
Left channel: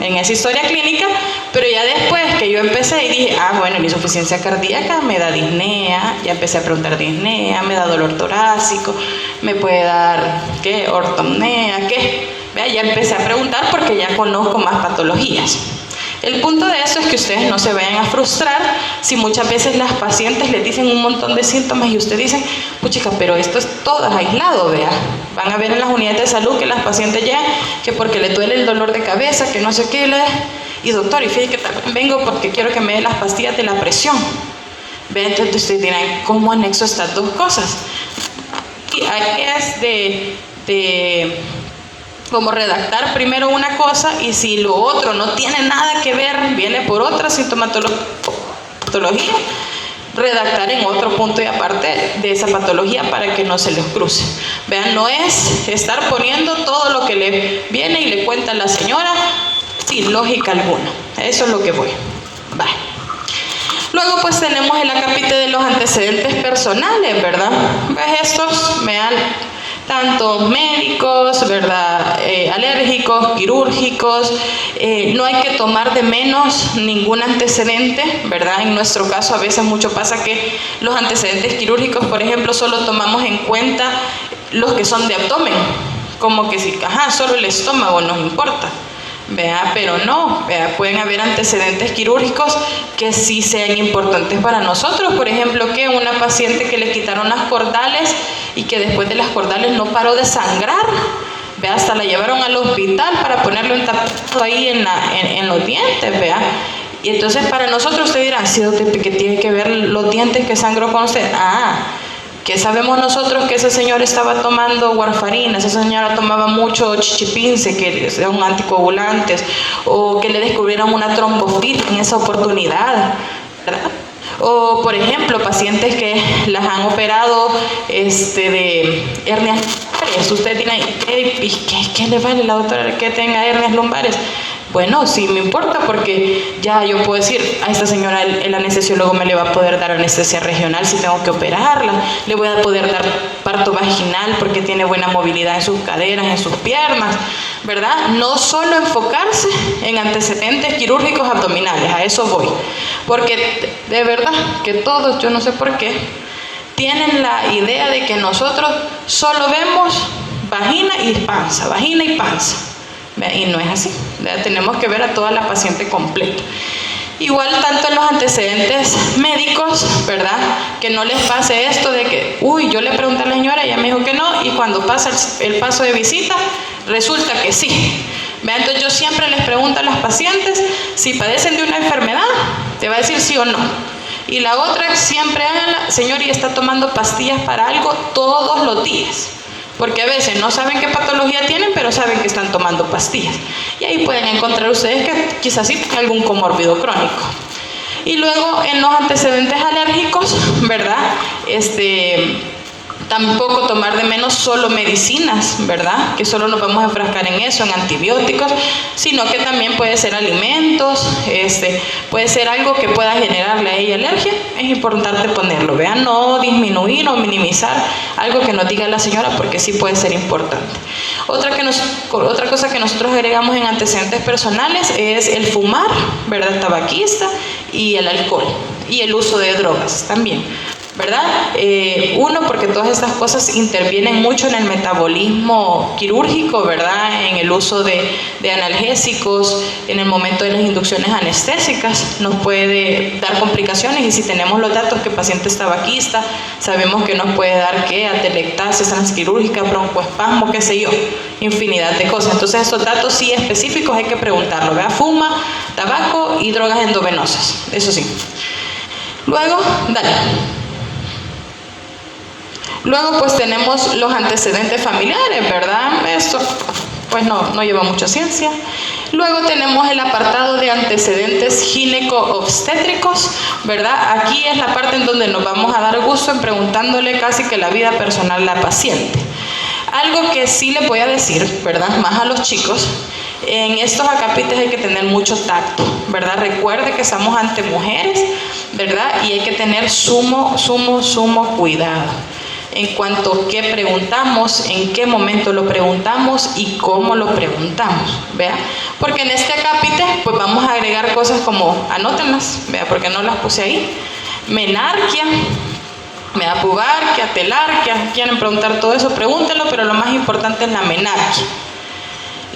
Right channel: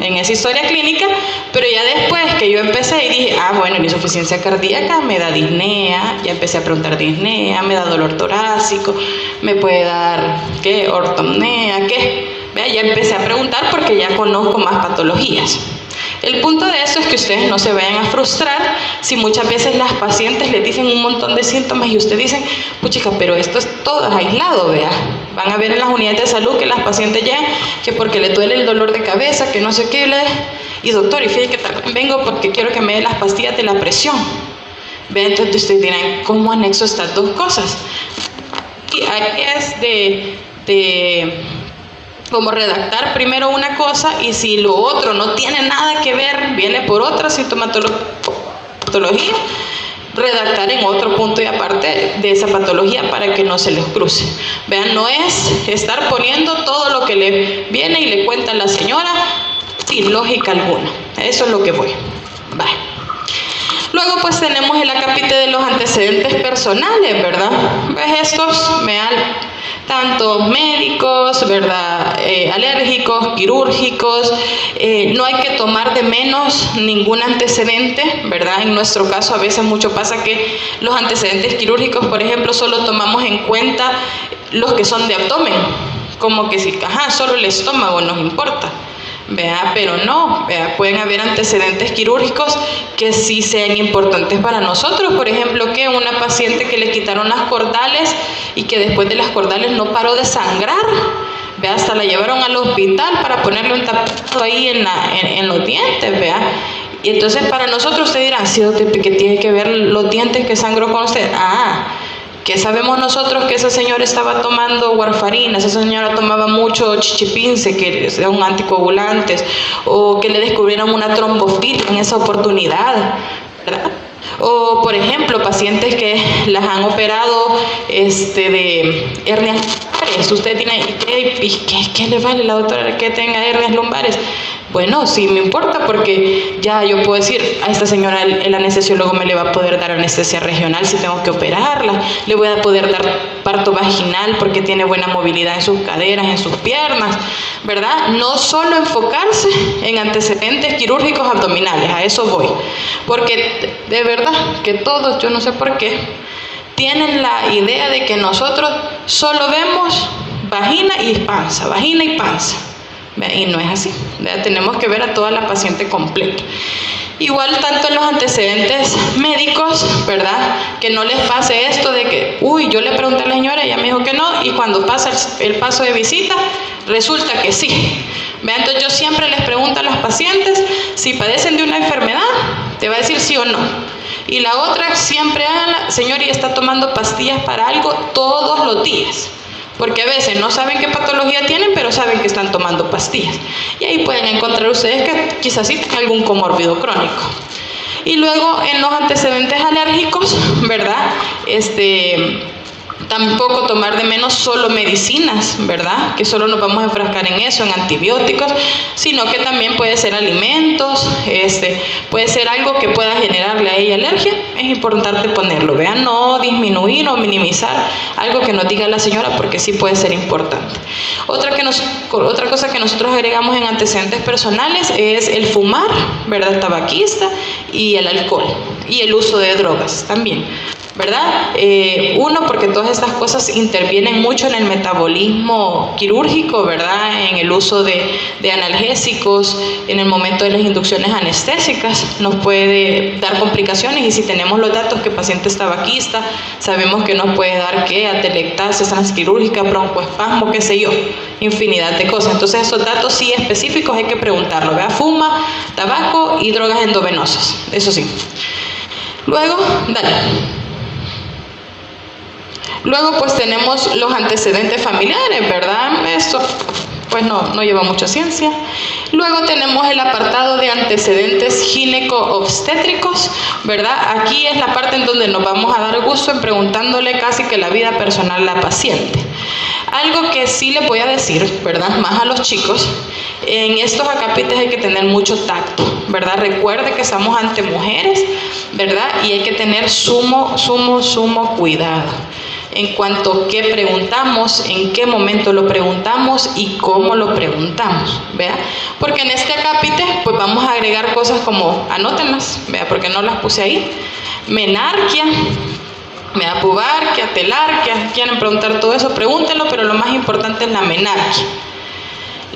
en esa historia clínica, pero ya después que yo empecé y dije, bueno, la insuficiencia cardíaca me da disnea, ya empecé a preguntar disnea, me da dolor torácico, me puede dar, ¿qué? Ortopnea, ¿qué? ¿Vea? Ya empecé a preguntar porque ya conozco más patologías. El punto de eso es que ustedes no se vayan a frustrar si muchas veces las pacientes les dicen un montón de síntomas y ustedes dicen, puchica, pero esto es todo aislado, vea. Van a ver en las unidades de salud que las pacientes llegan que porque le duele el dolor de cabeza, que no sé qué, y doctor, y fíjate que también vengo porque quiero que me dé las pastillas de la presión. Ve, entonces ustedes dirán, ¿cómo anexo estas dos cosas? Y ahí es de como redactar primero una cosa y si lo otro no tiene nada que ver, viene por otra sintomatología, redactar en otro punto y aparte de esa patología para que no se les cruce. Vean, no es estar poniendo todo lo que le viene y le cuenta a la señora sin lógica alguna. Eso es lo que voy. Vale. Luego pues tenemos el acápite de los antecedentes personales, ¿verdad? Pues estos me dan tanto médicos, ¿verdad? Alérgicos, quirúrgicos, no hay que tomar de menos ningún antecedente, ¿verdad? En nuestro caso a veces mucho pasa que los antecedentes quirúrgicos, por ejemplo, solo tomamos en cuenta los que son de abdomen, como que si, solo el estómago nos importa. Vea, pero no, vea, pueden haber antecedentes quirúrgicos que sí sean importantes para nosotros. Por ejemplo, que una paciente que le quitaron las cordales y que después de las cordales no paró de sangrar, vea, hasta la llevaron al hospital para ponerle un tapete ahí en los dientes, vea. Y entonces para nosotros usted dirá, sí, doctor, que tiene que ver los dientes que sangró con usted. ¿Qué sabemos nosotros? Que ese señor estaba tomando warfarina, esa señora tomaba mucho chichipince, que son anticoagulantes, o que le descubrieron una tromboflebis en esa oportunidad, ¿verdad? O, por ejemplo, pacientes que las han operado de hernias lumbares. Usted tiene, ¿qué le vale la doctora que tenga hernias lumbares? Bueno, sí me importa porque ya yo puedo decir, a esta señora el anestesiólogo me le va a poder dar anestesia regional si tengo que operarla, le voy a poder dar parto vaginal porque tiene buena movilidad en sus caderas, en sus piernas, ¿verdad? No solo enfocarse en antecedentes quirúrgicos abdominales, a eso voy, porque de verdad que todos, yo no sé por qué, tienen la idea de que nosotros solo vemos vagina y panza, y no es así, ¿verdad? Tenemos que ver a toda la paciente completa. Igual tanto en los antecedentes médicos, ¿verdad? Que no les pase esto de que, uy, yo le pregunté a la señora, ella me dijo que no, y cuando pasa el paso de visita, resulta que sí. ¿Vean? Entonces yo siempre les pregunto a los pacientes si padecen de una enfermedad, te va a decir sí o no. Y la otra, siempre háganla, señor, y está tomando pastillas para algo todos los días. Porque a veces no saben qué patología tienen, pero saben que están tomando pastillas. Y ahí pueden encontrar ustedes que quizás sí tienen algún comórbido crónico. Y luego en los antecedentes alérgicos, ¿verdad? Tampoco tomar de menos solo medicinas, ¿verdad? Que solo nos vamos a enfrascar en eso, en antibióticos, sino que también puede ser alimentos, puede ser algo que pueda generarle a ella alergia. Es importante ponerlo, vean, no disminuir o minimizar algo que nos diga la señora, porque sí puede ser importante. Otra cosa que nosotros agregamos en antecedentes personales es el fumar, ¿verdad? Tabaquista, y el alcohol, y el uso de drogas también, ¿verdad? Uno, porque todas estas cosas intervienen mucho en el metabolismo quirúrgico, ¿verdad? En el uso de analgésicos, en el momento de las inducciones anestésicas, nos puede dar complicaciones, y si tenemos los datos que paciente es tabaquista, sabemos que nos puede dar atelectasis transquirúrgica, broncoespasmo, qué sé yo, infinidad de cosas. Entonces esos datos sí específicos hay que preguntarlo, ¿verdad? Fuma, tabaco y drogas endovenosas, eso sí. Luego, Luego pues tenemos los antecedentes familiares, ¿verdad? Esto pues no lleva mucha ciencia. Luego tenemos el apartado de antecedentes gineco-obstétricos, ¿verdad? Aquí es la parte en donde nos vamos a dar gusto en preguntándole casi que la vida personal a la paciente. Algo que sí le voy a decir, ¿verdad? Más a los chicos, en estos acapites hay que tener mucho tacto, ¿verdad? Recuerde que estamos ante mujeres, ¿verdad? Y hay que tener sumo cuidado en cuanto a qué preguntamos, en qué momento lo preguntamos y cómo lo preguntamos, ¿vea? Porque en este acápite pues vamos a agregar cosas como, anótenlas, ¿vea? Porque no las puse ahí, menarquia, pubarquia, telarquia, quieren preguntar todo eso, pregúntenlo, pero lo más importante es la menarquia.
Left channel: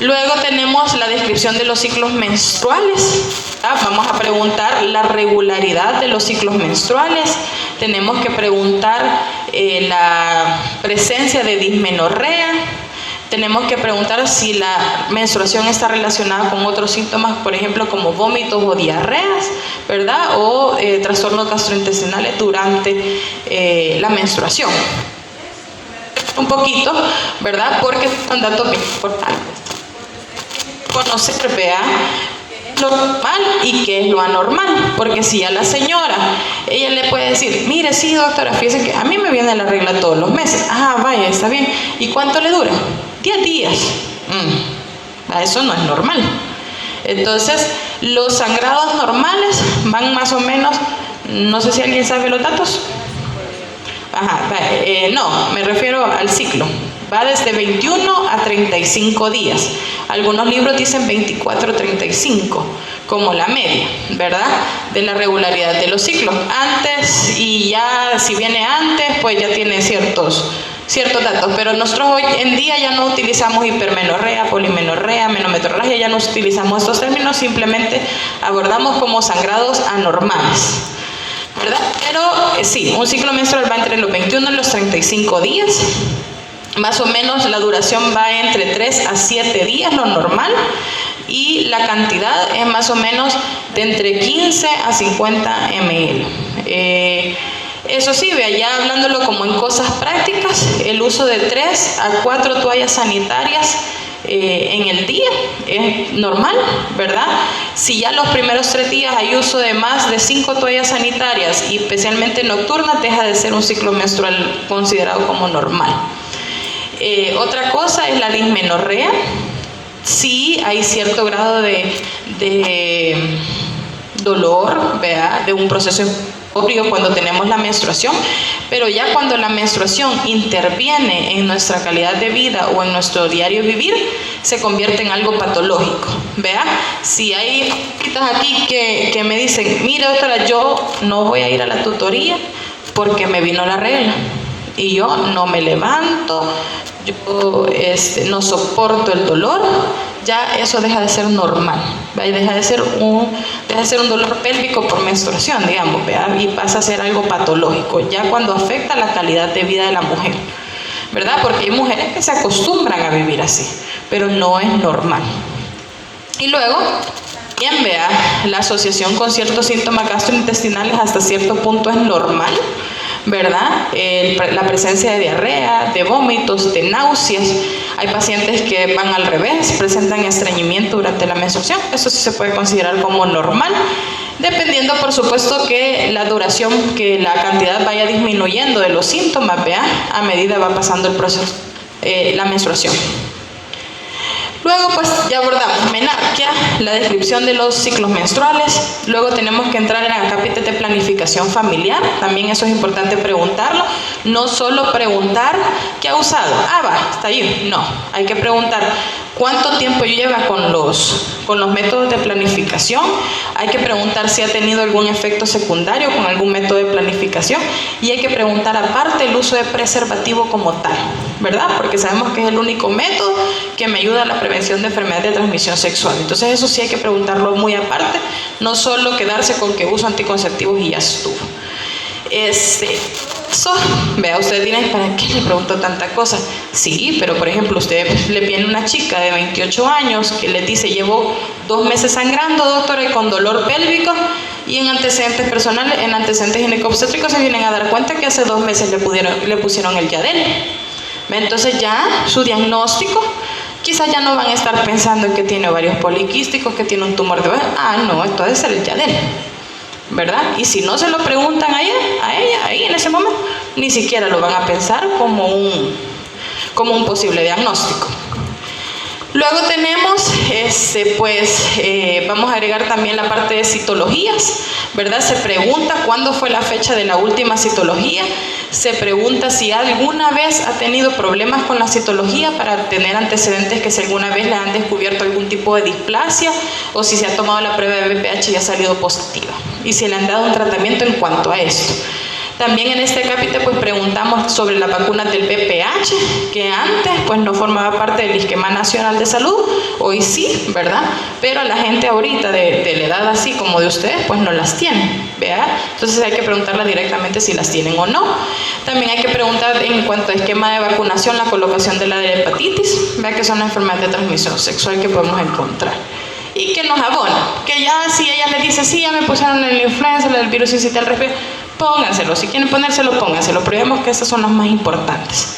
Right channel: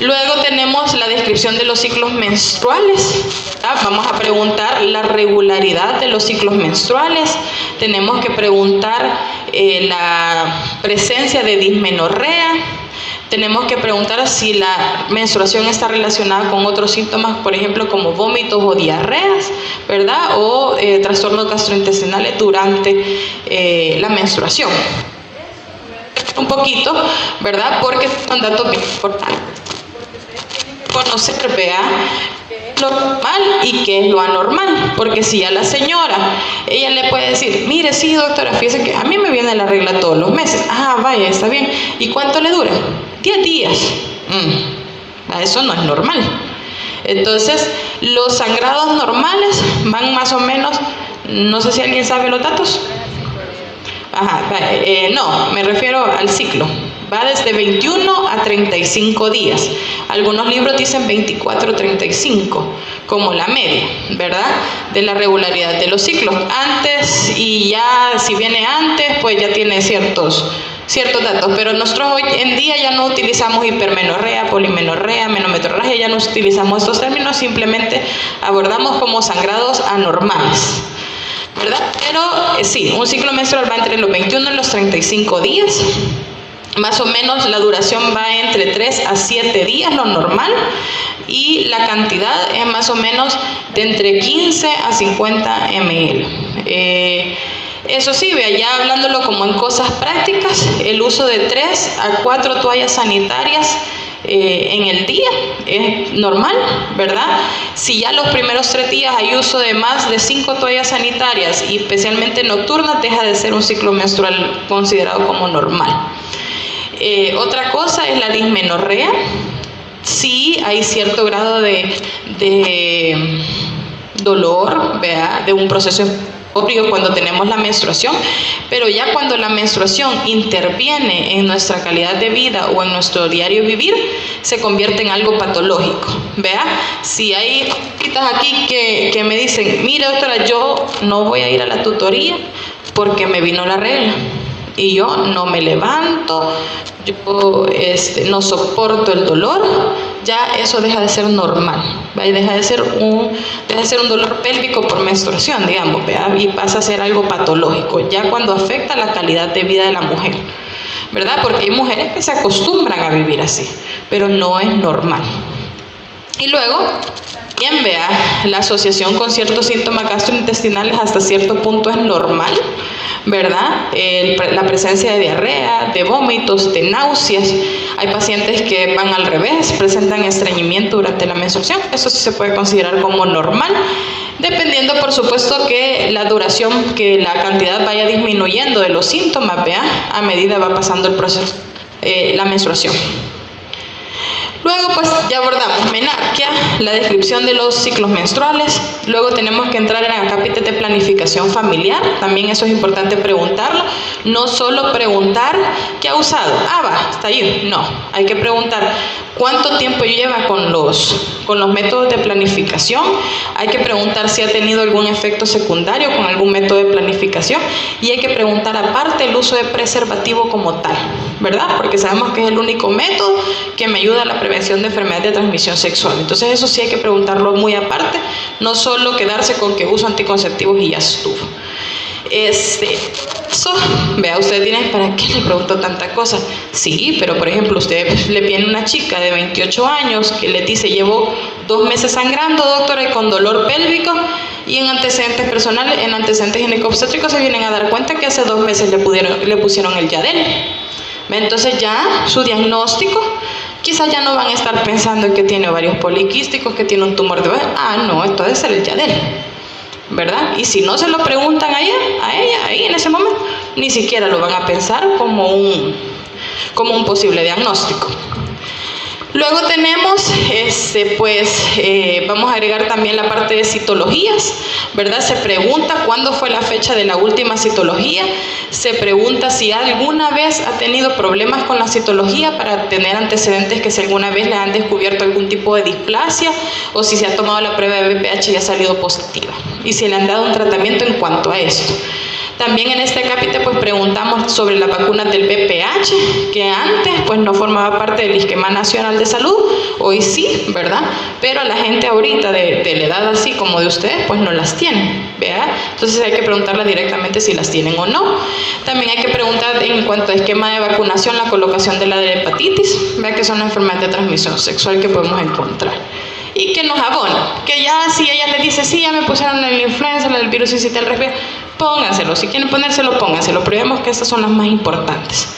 Luego tenemos la descripción de los ciclos menstruales, ¿verdad? Vamos a preguntar la regularidad de los ciclos menstruales, tenemos que preguntar la presencia de dismenorrea, tenemos que preguntar si la menstruación está relacionada con otros síntomas, por ejemplo, como vómitos o diarreas, ¿verdad? O trastornos gastrointestinales durante la menstruación. Un poquito, ¿verdad? Porque son datos bien importantes. Conocer, vea, lo normal y qué es lo anormal, porque si a la señora, ella le puede decir, mire, sí doctora, fíjese que a mí me viene la regla todos los meses, vaya, está bien, ¿y cuánto le dura? 10 días, eso no es normal. Entonces, los sangrados normales van más o menos, no sé si alguien sabe los datos. No, me refiero al ciclo. Va desde 21 a 35 días. Algunos libros dicen 24 a 35, como la media, ¿verdad? De la regularidad de los ciclos. Antes, y ya si viene antes, pues ya tiene ciertos datos. Pero nosotros hoy en día ya no utilizamos hipermenorrea, polimenorrea, menometrorragia, ya no utilizamos estos términos, simplemente abordamos como sangrados anormales, ¿verdad? Pero sí, un ciclo menstrual va entre los 21 y los 35 días. Más o menos la duración va entre 3 a 7 días, lo normal, y la cantidad es más o menos de entre 15 a 50 ml. Eso sí, vea, ya hablándolo como en cosas prácticas, el uso de 3 a 4 toallas sanitarias en el día es normal, ¿verdad? Si ya los primeros 3 días hay uso de más de 5 toallas sanitarias, y especialmente nocturnas, deja de ser un ciclo menstrual considerado como normal. Otra cosa es la dismenorrea. Sí hay cierto grado de dolor, ¿vea? De un proceso obvio cuando tenemos la menstruación, pero ya cuando la menstruación interviene en nuestra calidad de vida o en nuestro diario vivir, se convierte en algo patológico, ¿vea? Si hay chicas aquí que me dicen, mire doctora, yo no voy a ir a la tutoría porque me vino la regla, y yo no me levanto, yo no soporto el dolor, ya eso deja de ser normal, ¿va? Y deja de ser un dolor pélvico por menstruación, digamos, ¿verdad? Y pasa a ser algo patológico, ya cuando afecta la calidad de vida de la mujer, ¿verdad? Porque hay mujeres que se acostumbran a vivir así, pero no es normal. Y luego, bien, vea, la asociación con ciertos síntomas gastrointestinales hasta cierto punto es normal, ¿verdad? La presencia de diarrea, de vómitos, de náuseas. Hay pacientes que van al revés, presentan estreñimiento durante la menstruación. Eso sí se puede considerar como normal, dependiendo, por supuesto, que la duración, que la cantidad vaya disminuyendo de los síntomas, ¿vea? A medida va pasando el proceso, la menstruación. Luego pues ya abordamos menarquia, la descripción de los ciclos menstruales. Luego tenemos que entrar en el capítulo de planificación familiar. También eso es importante preguntarlo. No solo preguntar ¿qué ha usado? Ah, va, está ahí. No, hay que preguntar cuánto tiempo lleva con los métodos de planificación. Hay que preguntar si ha tenido algún efecto secundario con algún método de planificación. Y hay que preguntar aparte el uso de preservativo como tal, ¿verdad? Porque sabemos que es el único método que me ayuda a la prevención de enfermedades de transmisión sexual. Entonces eso sí hay que preguntarlo muy aparte, no solo quedarse con que uso anticonceptivos y ya estuvo. Vea, ustedes dirán, ¿para qué le pregunto tanta cosa? Sí, pero por ejemplo, usted le viene una chica de 28 años que le dice, llevo 2 meses sangrando, doctora, y con dolor pélvico, y en antecedentes personales, en antecedentes ginecobstétricos se vienen a dar cuenta que hace 2 meses le pusieron el Yadel. Entonces ya su diagnóstico, quizás ya no van a estar pensando en que tiene ovarios poliquísticos, que tiene un tumor de ovario. Ah, no, esto debe ser el Yadel, ¿verdad? Y si no se lo preguntan a ella, ahí en ese momento, ni siquiera lo van a pensar como un posible diagnóstico. Luego tenemos, vamos a agregar también la parte de citologías, ¿verdad? Se pregunta cuándo fue la fecha de la última citología, se pregunta si alguna vez ha tenido problemas con la citología para tener antecedentes que si alguna vez le han descubierto algún tipo de displasia o si se ha tomado la prueba de BPH y ha salido positiva y si le han dado un tratamiento en cuanto a esto. También en este capítulo pues preguntamos sobre las vacunas del BPH, que antes pues no formaba parte del Esquema Nacional de Salud, hoy sí, ¿verdad? Pero la gente ahorita de la edad así como de ustedes pues no las tienen, ¿verdad? Entonces hay que preguntarlas directamente si las tienen o no. También hay que preguntar en cuanto a esquema de vacunación, la colocación de la de hepatitis, ¿verdad? Que son enfermedades de transmisión sexual que podemos encontrar. Y que nos abona, que ya si ella le dice, sí, ya me pusieron el influenza, el virus incital respiratorio, pónganselo, si quieren ponérselo, pónganselo, pero vemos que estas son las más importantes.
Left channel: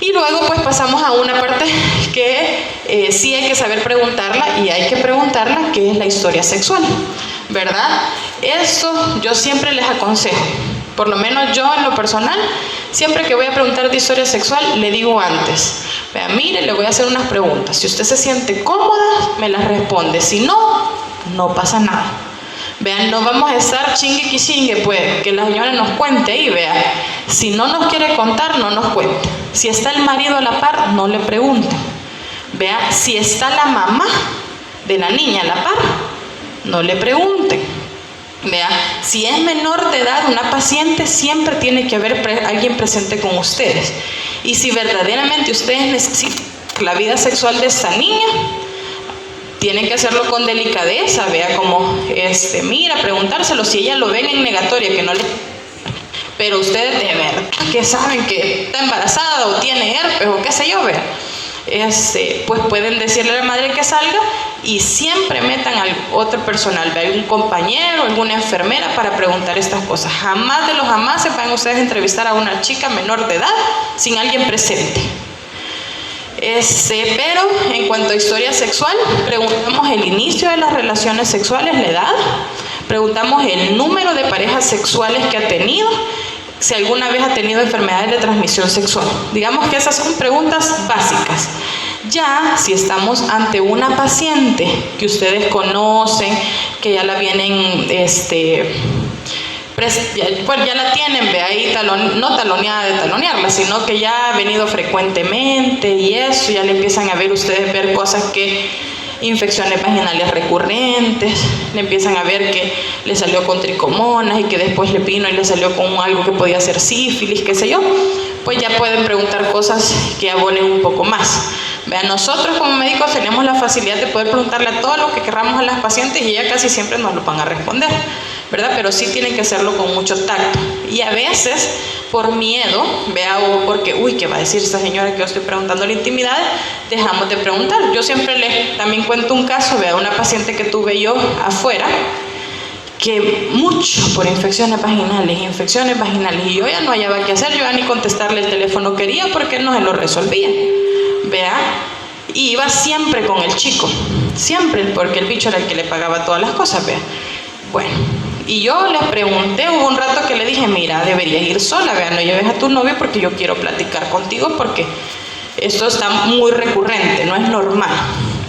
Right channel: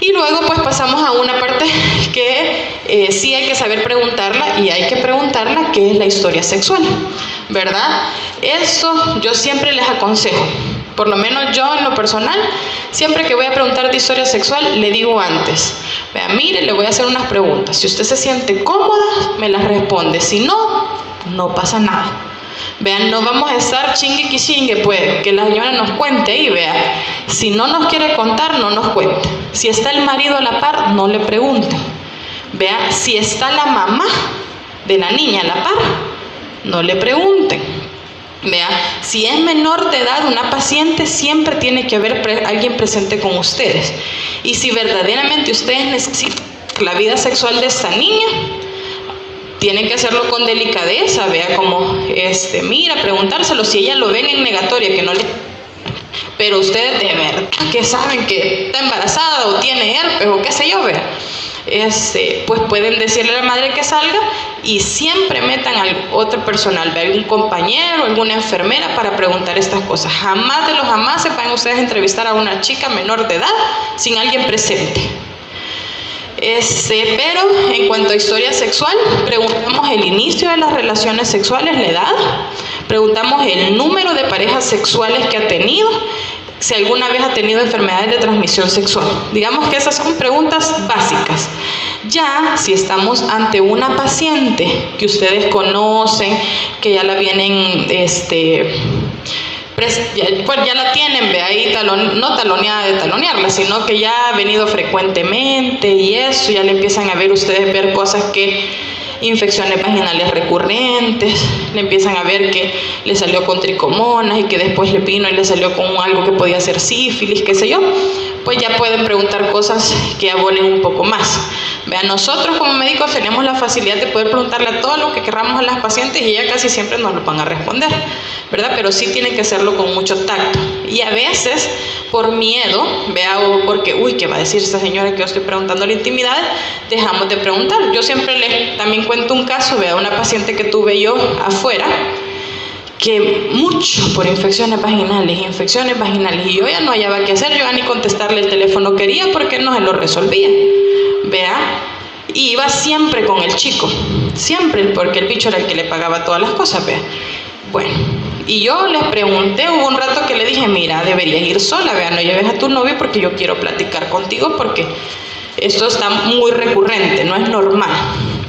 Y luego pues pasamos a una parte que sí hay que saber preguntarla y hay que preguntarla, que es la historia sexual, ¿verdad? Eso yo siempre les aconsejo, por lo menos yo en lo personal, siempre que voy a preguntar de historia sexual, le digo antes, vea, mire, le voy a hacer unas preguntas, si usted se siente cómoda, me las responde, si no, no pasa nada. Vean, no vamos a estar chingue que chingue, pues, que la señora nos cuente y vea, si no nos quiere contar, no nos cuente. Si está el marido a la par, no le pregunte. Vea, si está la mamá de la niña a la par, no le pregunten. Vea, si es menor de edad una paciente, siempre tiene que haber alguien presente con ustedes. Y si verdaderamente ustedes necesitan la vida sexual de esta niña, tienen que hacerlo con delicadeza, vea, como, mira, preguntárselo, si ella lo ven en negatoria, que no le... Pero ustedes de verdad que saben que está embarazada o tiene herpes o qué sé yo, vea, pues pueden decirle a la madre que salga y siempre metan al otro personal, vea, algún compañero, alguna enfermera para preguntar estas cosas. Jamás de los jamás se pueden ustedes entrevistar a una chica menor de edad sin alguien presente. Pero en cuanto a historia sexual, preguntamos el inicio de las relaciones sexuales, la edad, preguntamos el número de parejas sexuales que ha tenido, si alguna vez ha tenido enfermedades de transmisión sexual. Digamos que esas son preguntas básicas. Ya si estamos ante una paciente que ustedes conocen, que ya la vienen, pues ya la tienen, ve ahí, no taloneada de talonearla, sino que ya ha venido frecuentemente y eso, ya le empiezan a ver ustedes ver cosas que, infecciones vaginales recurrentes, le empiezan a ver que le salió con tricomonas y que después le vino y le salió con algo que podía ser sífilis, qué sé yo. pues ya pueden preguntar cosas que abonen un poco más. Vean, nosotros como médicos tenemos la facilidad de poder preguntarle a todo lo que queramos a las pacientes y ellas casi siempre nos lo van a responder, ¿verdad? Pero sí tienen que hacerlo con mucho tacto. Y a veces, por miedo, vea, o porque, uy, ¿qué va a decir esta señora que yo estoy preguntando la intimidad? Dejamos de preguntar. Yo siempre les también cuento un caso, vea, una paciente que tuve yo afuera, que mucho por infecciones vaginales, y yo ya no hallaba qué hacer, yo ya ni contestarle el teléfono quería porque no se lo resolvía, vea, y iba siempre con el chico, siempre, porque el bicho era el que le pagaba todas las cosas, vea. Bueno, y yo les pregunté, hubo un rato que le dije, mira, deberías ir sola, vea, no lleves a tu novio porque yo quiero platicar contigo porque esto está muy recurrente, no es normal.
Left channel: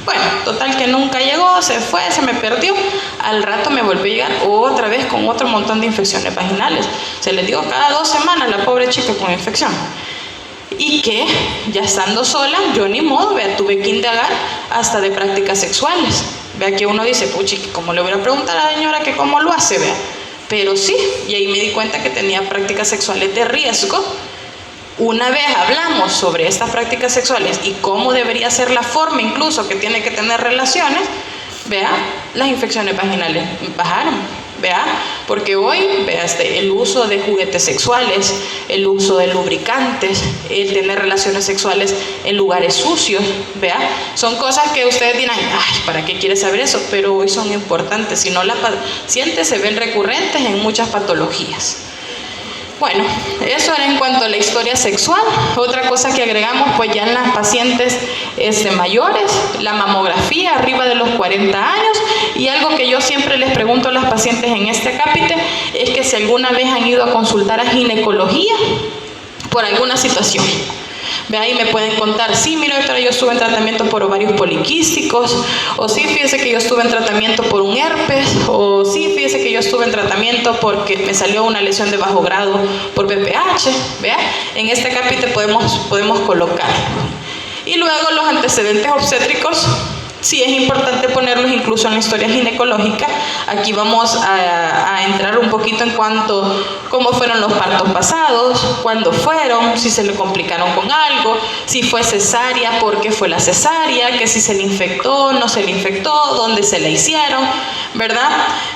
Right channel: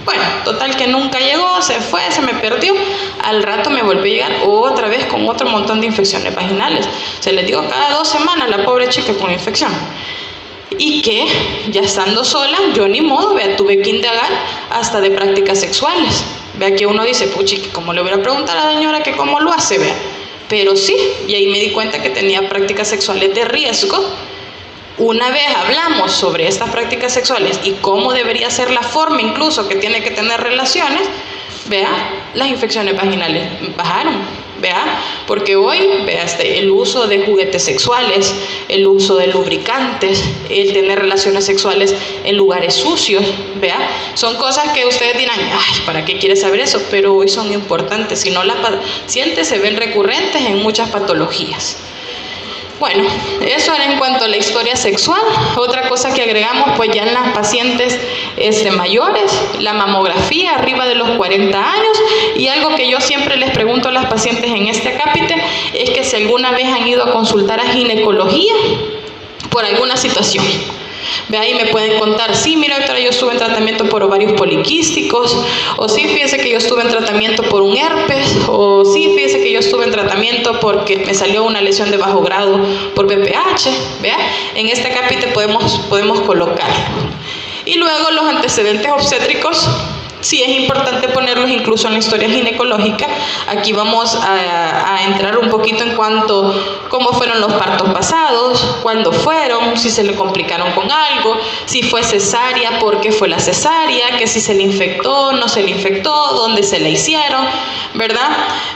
Bueno, total que nunca llegó, se fue, se me perdió. Al rato me volvió a llegar otra vez con otro montón de infecciones vaginales. Se les digo, cada 2 semanas la pobre chica con infección. Y que, ya estando sola, yo ni modo, vea, tuve que indagar hasta de prácticas sexuales. Vea que uno dice, puchi, ¿cómo le voy a preguntar a la señora que cómo lo hace? Vea. Pero sí, y ahí me di cuenta que tenía prácticas sexuales de riesgo. Una vez hablamos sobre estas prácticas sexuales y cómo debería ser la forma incluso que tiene que tener relaciones, vea, las infecciones vaginales bajaron, vea, porque hoy, vea, el uso de juguetes sexuales, el uso de lubricantes, el tener relaciones sexuales en lugares sucios, vea, son cosas que ustedes dirán, ay, ¿para qué quieres saber eso? Pero hoy son importantes, si no las pacientes se ven recurrentes en muchas patologías. Bueno, eso era en cuanto a la historia sexual. Otra cosa que agregamos, pues ya en las pacientes mayores, la mamografía arriba de los 40 años, y algo que yo siempre les pregunto a las pacientes en este acápite es que si alguna vez han ido a consultar a ginecología por alguna situación. De ahí me pueden contar, sí, mira, doctora, yo estuve en tratamiento por ovarios poliquísticos, o sí, fíjese que yo estuve en tratamiento por un herpes, o sí, fíjese que yo estuve en tratamiento porque me salió una lesión de bajo grado por BPH, ¿vea? En este capítulo podemos colocar. Y luego los antecedentes obstétricos, sí es importante ponerlos incluso en historia ginecológica. Aquí vamos a entrar un poquito en cuanto cómo fueron los partos pasados, cuándo fueron, si se le complicaron con algo, si fue cesárea, por qué fue la cesárea, que si se le infectó, no se le infectó, dónde se la hicieron, ¿verdad?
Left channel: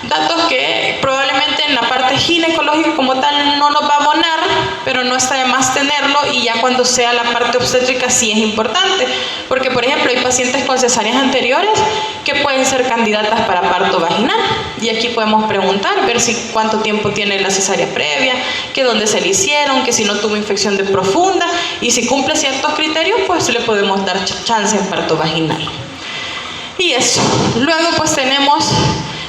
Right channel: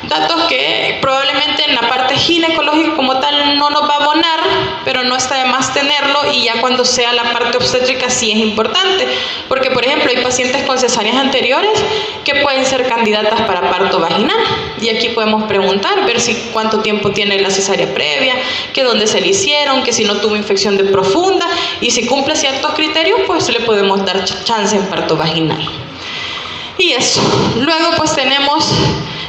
Datos que probablemente en la parte ginecológica como tal no nos va a abonar, pero no está de más tenerlo, y ya cuando sea la parte obstétrica sí es importante, porque por ejemplo hay pacientes con cesáreas anteriores que pueden ser candidatas para parto vaginal, y aquí podemos preguntar, ver si cuánto tiempo tiene la cesárea previa, que dónde se le hicieron, que si no tuvo infección de profunda, y si cumple ciertos criterios, pues le podemos dar chance en parto vaginal. Y eso, luego pues tenemos,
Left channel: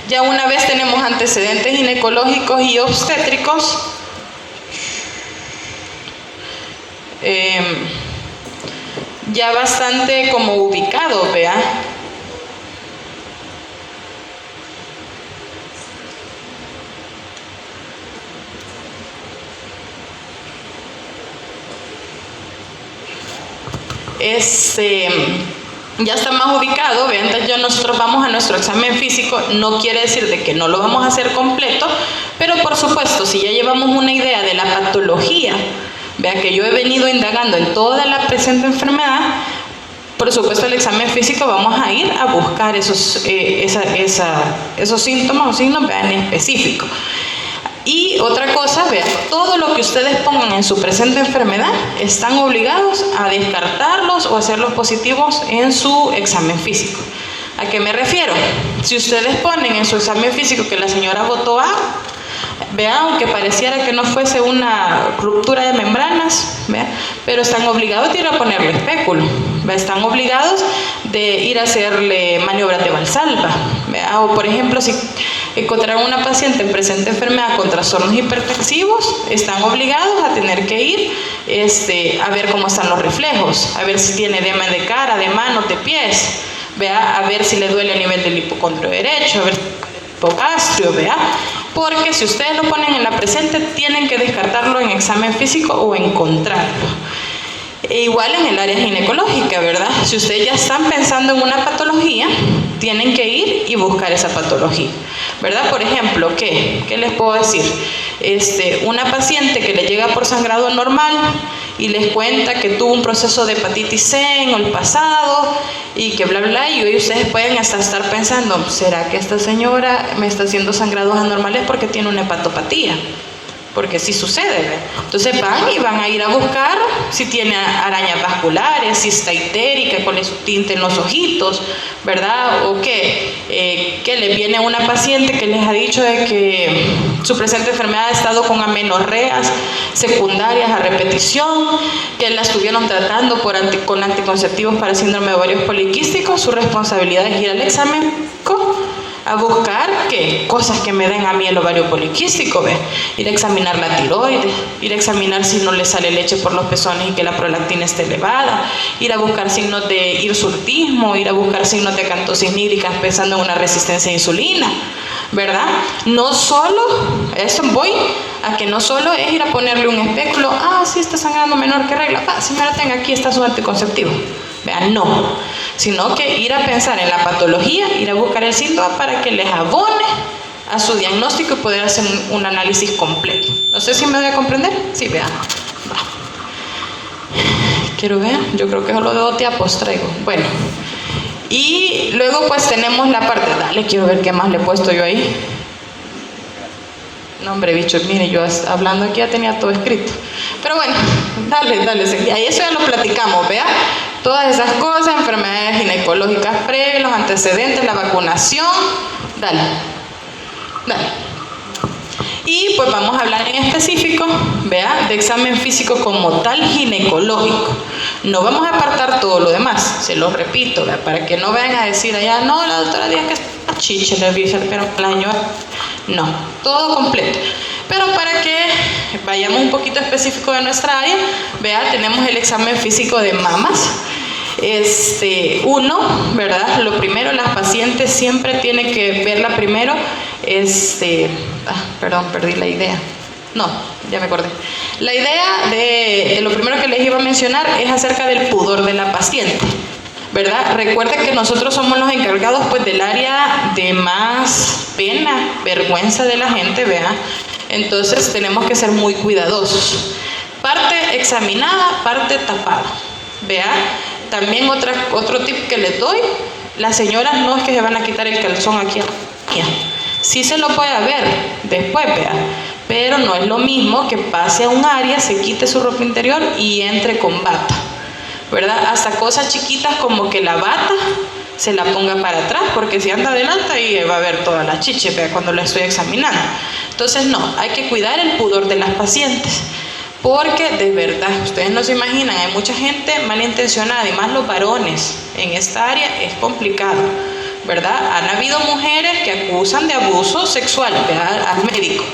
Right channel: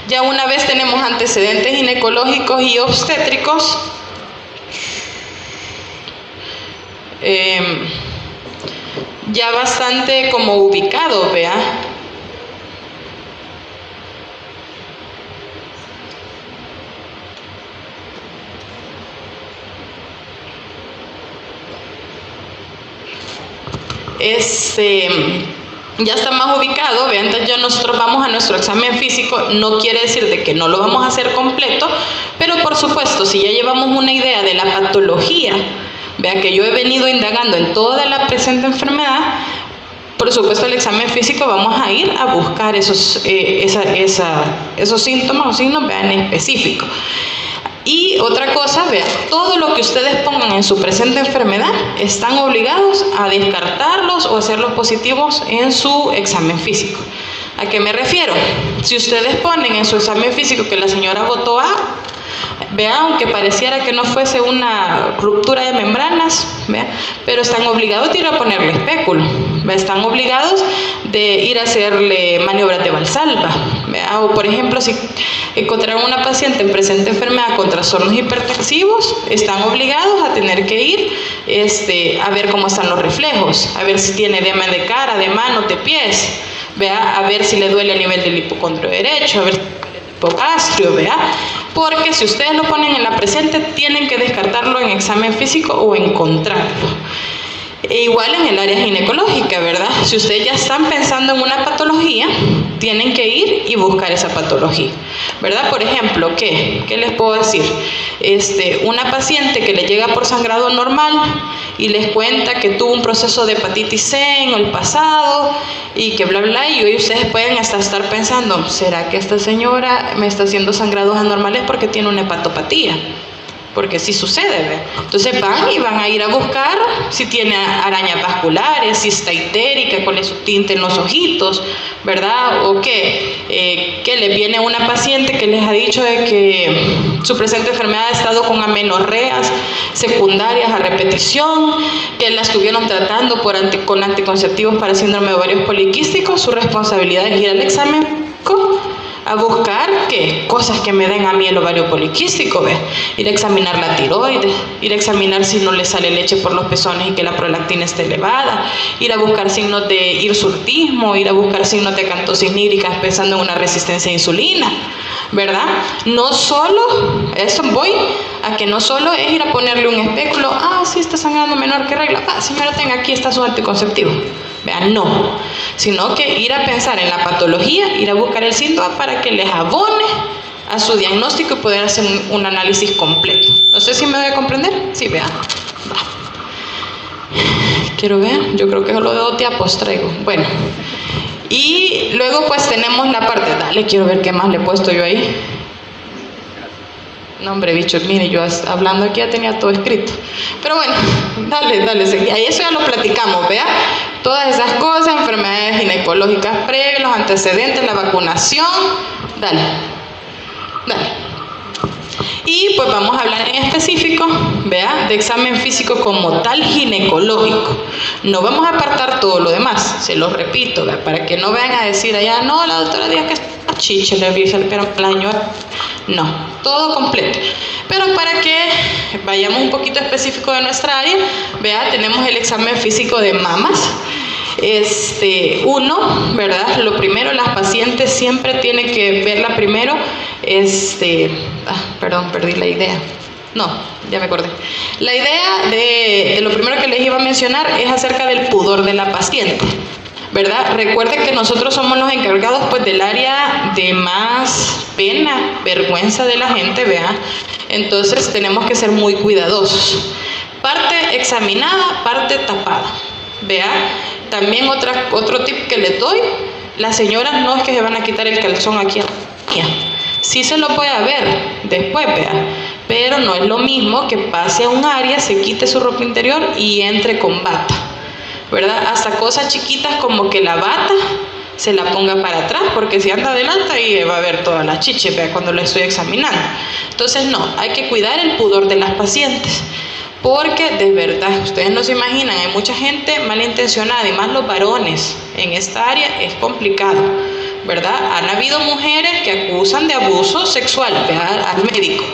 ya una vez tenemos antecedentes ginecológicos y obstétricos, ya bastante como ubicado, vea. Ya está más ubicado, vean, entonces ya nosotros vamos a nuestro examen físico, no quiere decir de que no lo vamos a hacer completo, pero por supuesto, si ya llevamos una idea de la patología, vea que yo he venido indagando en toda la presente enfermedad, por supuesto el examen físico vamos a ir a buscar esos síntomas o signos, vean, en específico. Y otra cosa, vean, todo lo que ustedes pongan en su presente enfermedad están obligados a descartarlos o hacerlos positivos en su examen físico. ¿A qué me refiero? Si ustedes ponen en su examen físico que la señora votó A, vean, aunque pareciera que no fuese una ruptura de membranas, ¿vea? Pero están obligados de ir a ponerle espéculo, ¿vea? Están obligados de ir a hacerle maniobras de Valsalva, ¿vea? O por ejemplo, si encontraron una paciente en presente enfermedad con trastornos hipertensivos, están obligados a tener que ir a ver cómo están los reflejos, a ver si tiene edema de cara, de manos, de pies, ¿vea? A ver si le duele a nivel del hipocondrio derecho, a ver si hipogastrio, ¿vea? Porque si ustedes lo ponen en la presente, tienen que descartarlo en examen físico o encontrarlo. E igual en el área ginecológica, ¿verdad? Si ustedes ya están pensando en una patología, tienen que ir y buscar esa patología, ¿verdad? Por ejemplo, ¿qué les puedo decir? Una paciente que le llega por sangrado normal y les cuenta que tuvo un proceso de hepatitis C en el pasado y que bla bla, y hoy ustedes pueden hasta estar pensando, ¿será que esta señora me está haciendo sangrados anormales porque tiene una hepatopatía? Porque sí sucede, ¿ve? Entonces van a ir a buscar si tiene arañas vasculares, si está histérica, cuál es su tinte en los ojitos, ¿verdad? O que le viene una paciente que les ha dicho de que su presente enfermedad ha estado con amenorreas secundarias a repetición, que la estuvieron tratando con anticonceptivos para síndrome de ovarios poliquísticos. Su responsabilidad es ir al examen a buscar cosas que me den a mí el ovario poliquístico, ¿ves? Ir a examinar la tiroides, ir a examinar si no le sale leche por los pezones y que la prolactina esté elevada, ir a buscar signos de hirsutismo, ir a buscar signos de acantosis nígricas pensando en una resistencia a insulina, ¿verdad? No solo, eso voy a que no solo es ir a ponerle un espéculo, sí está sangrando menor que regla, señora, tenga aquí está su anticonceptivo. Vean, no, sino que ir a pensar en la patología, ir a buscar el síntoma para que les abone a su diagnóstico y poder hacer un análisis completo. No sé si me voy a comprender. Sí, vean. Va. Quiero ver, yo creo que solo de 2 tiapos traigo. Bueno, y luego pues tenemos la parte, quiero ver qué más le he puesto yo ahí. No, hombre, bicho, mire, yo hablando aquí ya tenía todo escrito. Pero bueno, dale, ahí eso ya lo platicamos, vea. Todas esas cosas, enfermedades ginecológicas previas, los antecedentes, la vacunación, dale. Y pues vamos a hablar en específico, vea, de examen físico como tal ginecológico. No vamos a apartar todo lo demás, se lo repito, vea, para que no vayan a decir allá, no, la doctora dice que está chiche, le vi pero el año. No, todo completo. Pero para que vayamos un poquito específico de nuestra área, vea, tenemos el examen físico de mamas. ¿Verdad? Lo primero, las pacientes siempre tienen que verla primero. Perdón, perdí la idea. No, ya me acordé. La idea de lo primero que les iba a mencionar es acerca del pudor de la paciente, ¿verdad? Recuerden que nosotros somos los encargados pues del área de más pena, vergüenza de la gente, ¿vea? Entonces tenemos que ser muy cuidadosos. Parte examinada, parte tapada, ¿vea? También otro tip que les doy, las señoras no es que se van a quitar el calzón aquí, sí se lo puede ver después, ¿vea? Pero no es lo mismo que pase a un área, se quite su ropa interior y entre con bata, ¿verdad? Hasta cosas chiquitas como que la bata se la ponga para atrás, porque si anda adelante ahí va a ver toda la chiche, ¿vea? Cuando la estoy examinando. Entonces no, hay que cuidar el pudor de las pacientes, porque de verdad, ustedes no se imaginan, hay mucha gente malintencionada, y más los varones en esta área es complicado, ¿verdad? Han habido mujeres que acusan de abuso sexual, ¿verdad?, al médico,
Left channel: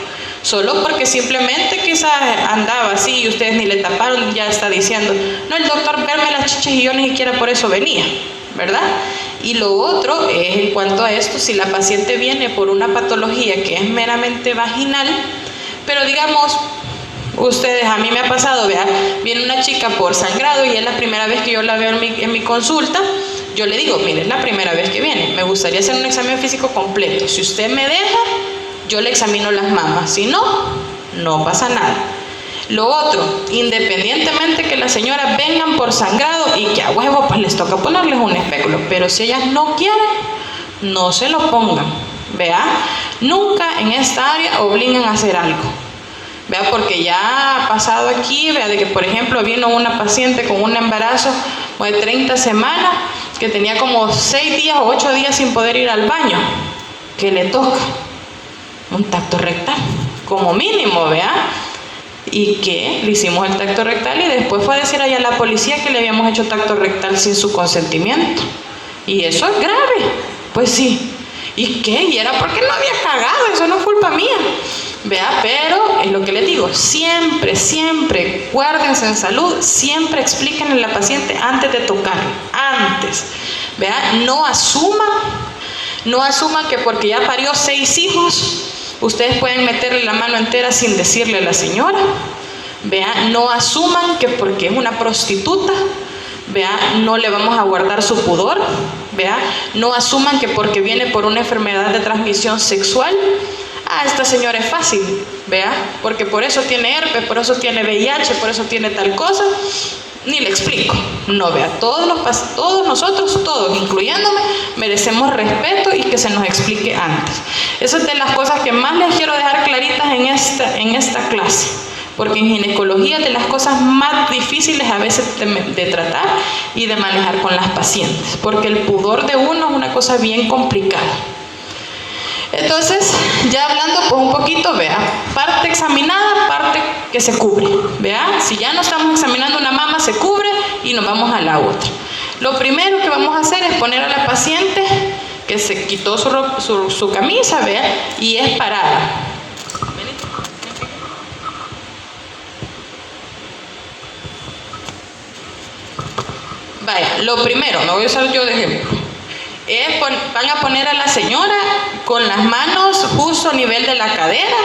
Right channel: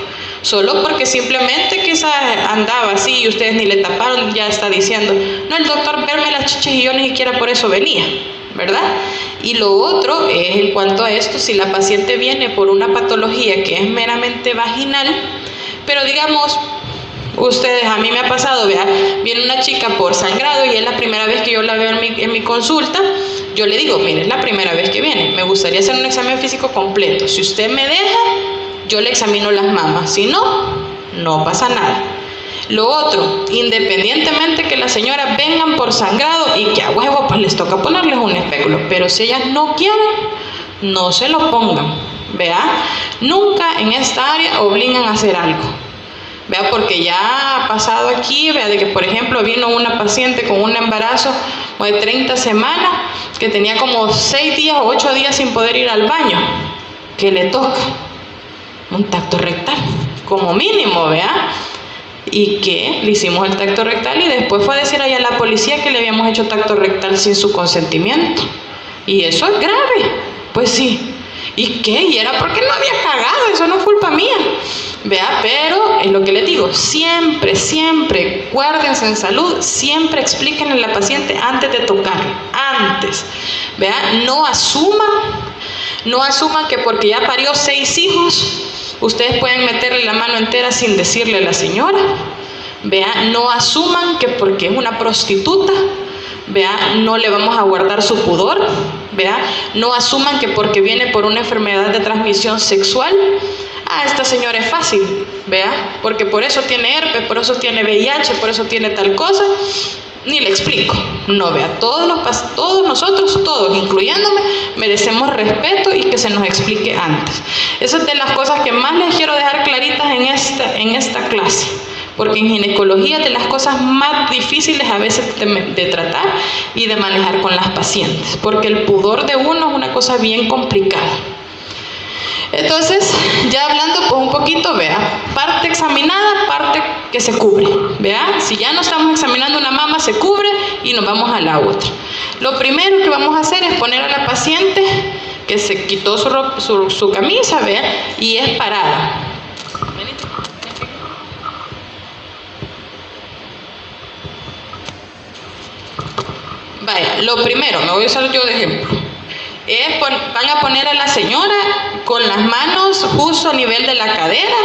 solo porque simplemente quizás andaba así y ustedes ni le taparon, ya está diciendo, no, el doctor verme las chichas y yo ni siquiera por eso venía, ¿verdad? Y lo otro es en cuanto a esto, si la paciente viene por una patología que es meramente vaginal, pero digamos, ustedes, a mí me ha pasado, vea, viene una chica por sangrado y es la primera vez que yo la veo en mi consulta, yo le digo, mire, es la primera vez que viene, me gustaría hacer un examen físico completo, si usted me deja, yo le examino las mamas, si no, no pasa nada. Lo otro, independientemente que las señoras vengan por sangrado y que a huevo pues les toca ponerles un espéculo, pero si ellas no quieren, no se lo pongan, vea, nunca en esta área obligan a hacer algo. Vea, porque ya ha pasado aquí, vea, de que por ejemplo vino una paciente con un embarazo de 30 semanas que tenía como 6 días o 8 días sin poder ir al baño. ¿Qué le toca? Un tacto rectal, como mínimo, vea. Y que le hicimos el tacto rectal y después fue a decir allá a la policía que le habíamos hecho tacto rectal sin su consentimiento. Y eso es grave. Pues sí. ¿Y qué? Y era porque no había cagado, eso no es culpa mía. Vea, pero es lo que les digo, siempre, guárdense en salud, siempre explíquenle a la paciente antes de tocar, antes. Vea, no asuman que porque ya parió 6 hijos, ustedes pueden meterle la mano entera sin decirle a la señora. Vea, no asuman que porque es una prostituta, vea, no le vamos a guardar su pudor. Vea, no asuman que porque viene por una enfermedad de transmisión sexual, esta señora es fácil, vea, porque por eso tiene herpes, por eso tiene VIH, por eso tiene tal cosa. Ni le explico. No, vea, todos nosotros, todos, incluyéndome, merecemos respeto y que se nos explique antes. Esa es de las cosas que más les quiero dejar claritas en esta clase, porque en ginecología es de las cosas más difíciles a veces de tratar y de manejar con las pacientes, porque el pudor de uno es una cosa bien complicada. Entonces, ya hablando pues un poquito, vea, parte examinada, parte que se cubre, vea, si ya no estamos examinando una mama, se cubre y nos vamos a la otra. Lo primero que vamos a hacer es poner a la paciente que se quitó su camisa, vea, y es parada. Vaya, lo primero, me voy a usar yo de ejemplo. Van a poner a la señora con las manos justo a nivel de la cadera,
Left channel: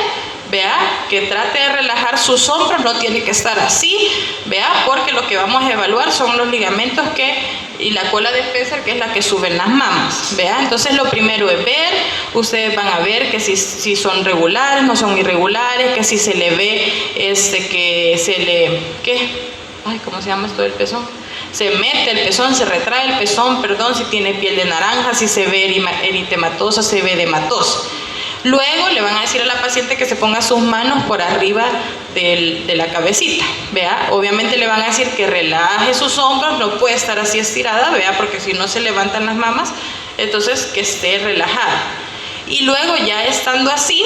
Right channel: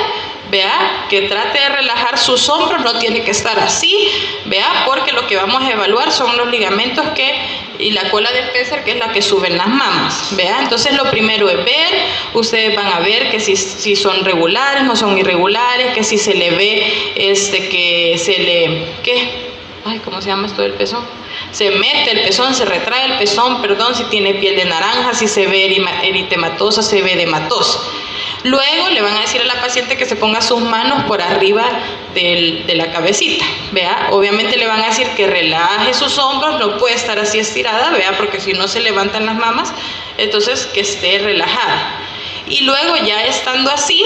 vea, que trate de relajar sus hombros, no tiene que estar así, vea, porque lo que vamos a evaluar son los ligamentos y la cola de Pessar, que es la que suben las mamas, vea. Entonces lo primero es ver, ustedes van a ver que si son regulares, no son irregulares, que si se le ve, ¿cómo se llama esto del pezón? Se mete el pezón, se retrae el pezón, si tiene piel de naranja, si se ve eritematosa, se ve edematosa. Luego le van a decir a la paciente que se ponga sus manos por arriba de la cabecita, vea. Obviamente le van a decir que relaje sus hombros, no puede estar así estirada, vea, porque si no se levantan las mamas, entonces que esté relajada. Y luego ya estando así,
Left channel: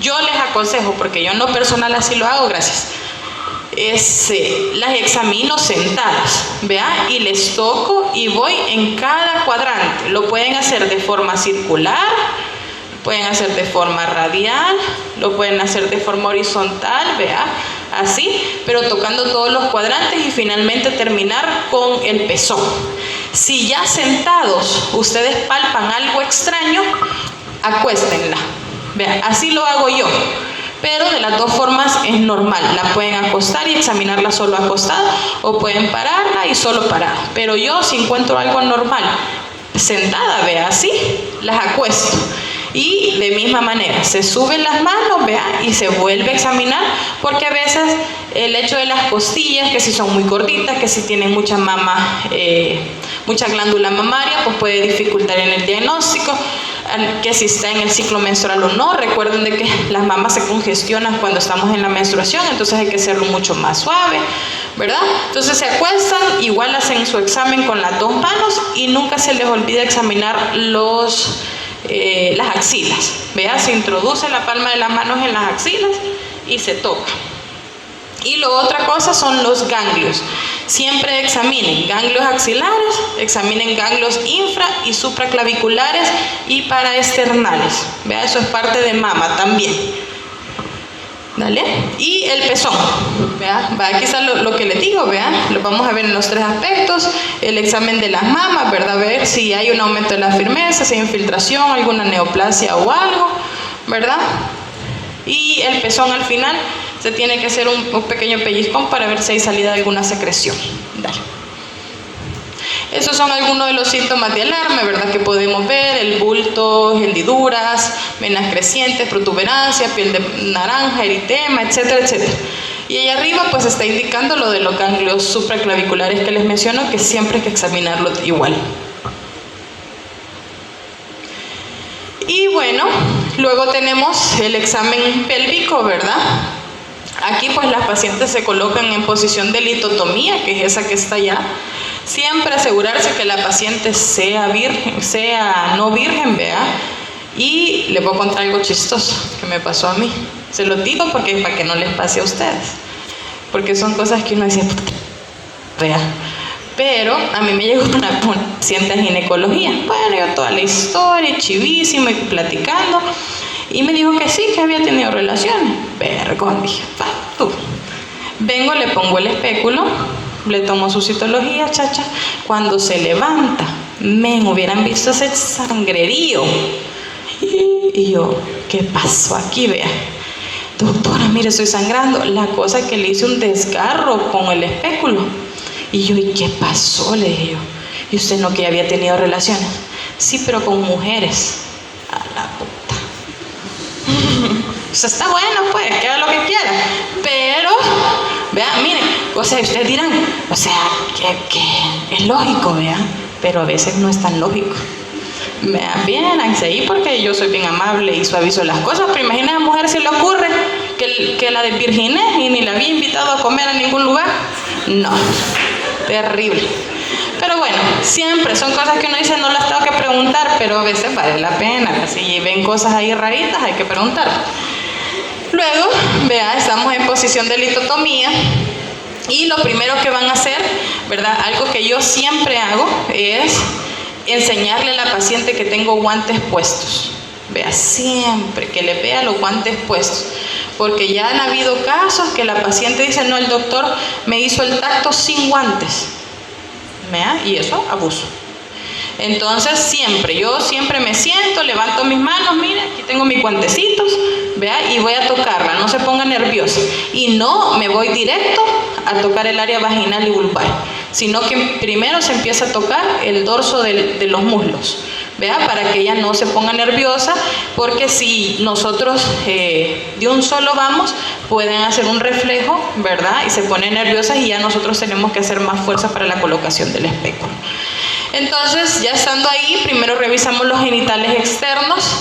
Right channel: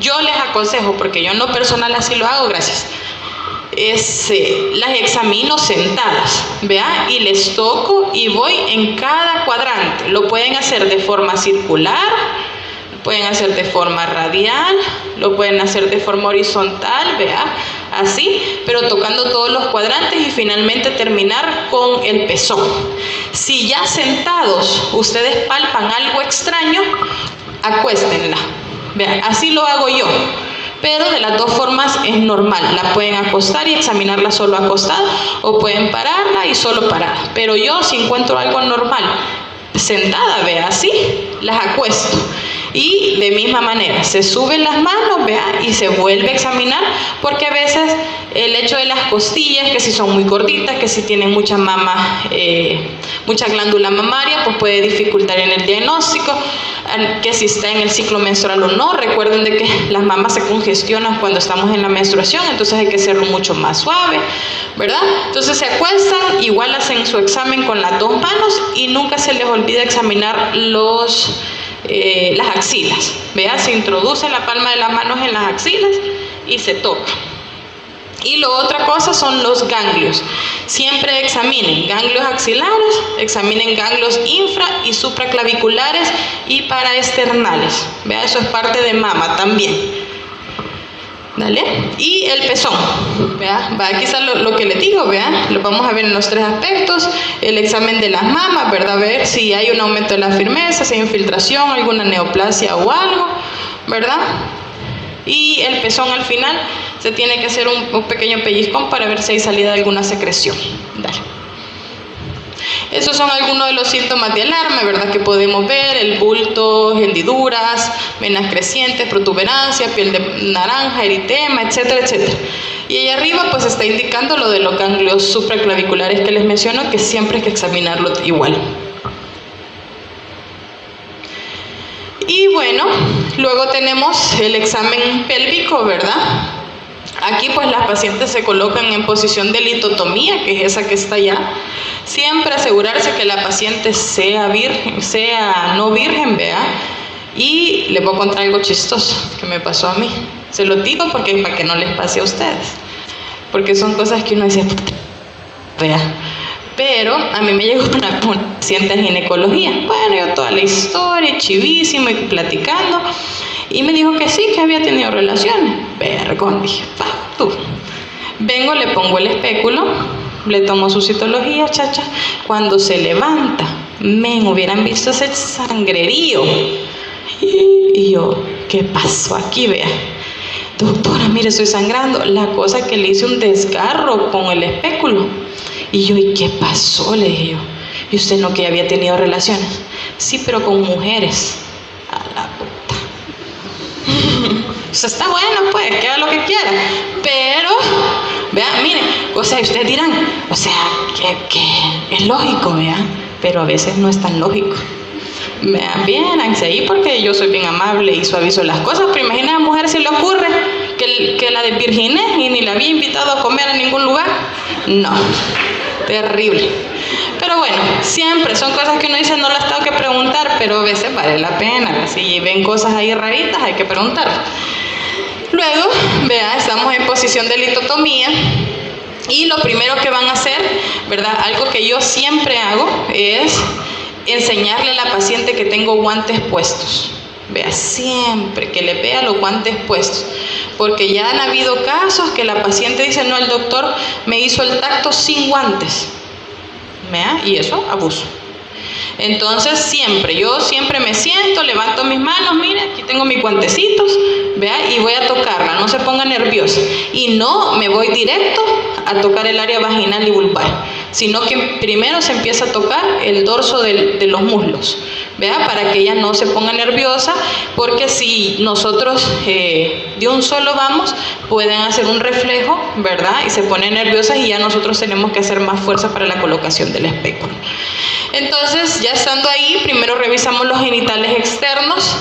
yo les aconsejo, porque yo no personal así lo hago, gracias, las examino sentadas, vea, y les toco y voy en cada cuadrante. Lo pueden hacer de forma circular, pueden hacer de forma radial, lo pueden hacer de forma horizontal, vea, así, pero tocando todos los cuadrantes y finalmente terminar con el pezón. Si ya sentados ustedes palpan algo extraño, acuéstenla, vea, así lo hago yo. Pero de las dos formas es normal, la pueden acostar y examinarla solo acostada, o pueden pararla y solo parada. Pero yo, si encuentro algo normal, sentada, vea, así, las acuesto. Y de misma manera, se suben las manos, vea, y se vuelve a examinar, porque a veces el hecho de las costillas, que si son muy gorditas, que si tienen mucha mama, mucha glándula mamaria, pues puede dificultar en el diagnóstico, que si está en el ciclo menstrual o no. Recuerden de que las mamas se congestionan cuando estamos en la menstruación, entonces hay que hacerlo mucho más suave, ¿verdad? Entonces se acuestan, igual hacen su examen con las dos manos y nunca se les olvida examinar las axilas, vea, se introduce la palma de las manos en las axilas y se toca. Y lo otra cosa son los ganglios. Siempre examinen ganglios axilares, examinen ganglios infra y supraclaviculares y paraesternales, vea, eso es parte de mama también. ¿Dale? Y el pezón, vea, aquí está lo que les digo, vea, lo vamos a ver en los tres aspectos: el examen de las mamas, verdad, ver si hay un aumento de la firmeza, si hay infiltración, alguna neoplasia o algo, verdad. Y el pezón al final se tiene que hacer un pequeño pellizcón para ver si hay salida de alguna secreción. Dale. Esos son algunos de los síntomas de alarma, ¿verdad? Que podemos ver: el bulto, hendiduras, venas crecientes, protuberancia, piel de naranja, eritema, etcétera, etcétera. Y ahí arriba pues está indicando lo de los ganglios supraclaviculares que les menciono, que siempre hay que examinarlo igual. Y bueno, luego tenemos el examen pélvico, ¿verdad? Aquí pues las pacientes se colocan en posición de litotomía, que es esa que está allá. Siempre asegurarse que la paciente sea no virgen, vea. Y les voy a contar algo chistoso que me pasó a mí. Se lo digo porque para que no les pase a ustedes, porque son cosas que uno dice, vea. Pero a mí me llegó una paciente en ginecología. Bueno, yo toda la historia, chivísima, y platicando. Y me dijo que sí, que había tenido relaciones. Vergón, dije, tú. Vengo, le pongo el espéculo, le tomo su citología, chacha. Cuando se levanta, hubieran visto ese sangrerío. Y yo, ¿qué pasó aquí, vea? Doctora, mire, estoy sangrando. La cosa que le hice un desgarro con el espéculo. Y yo, ¿y qué pasó?, le dije yo. ¿Y usted no que había tenido relaciones? Sí, pero con mujeres. A la puta. O sea, está bueno, pues, que haga lo que quiera. Pero, vean, miren, o sea, ustedes dirán, o sea, que es lógico, vean, pero a veces no es tan lógico. Vean, véanse ahí porque yo soy bien amable y suavizo las cosas, pero imagina a la mujer se le ocurre que la desvirginé y ni la había invitado a comer a ningún lugar. No, terrible. Pero bueno, siempre son cosas que uno dice no las tengo que preguntar, pero a veces vale la pena. Si ven cosas ahí raritas hay que preguntar. Luego, vean, estamos en posición de litotomía. Y lo primero que van a hacer, ¿verdad? Algo que yo siempre hago es enseñarle a la paciente que tengo guantes puestos. Vea, siempre que le vea los guantes puestos. Porque ya han habido casos que la paciente dice, no, el doctor me hizo el tacto sin guantes. ¿Vea? Y eso, abuso. Entonces yo siempre me siento, levanto mis manos, mira, aquí tengo mis guantecitos, vea, y voy a tocarla, no se ponga nerviosa. Y no me voy directo a tocar el área vaginal y vulvar, sino que primero se empieza a tocar el dorso de los muslos, vea, para que ella no se ponga nerviosa, porque si nosotros de un solo vamos, pueden hacer un reflejo, ¿verdad? Y se ponen nerviosas y ya nosotros tenemos que hacer más fuerza para la colocación del espéculo. Entonces, ya estando ahí, primero revisamos los genitales externos.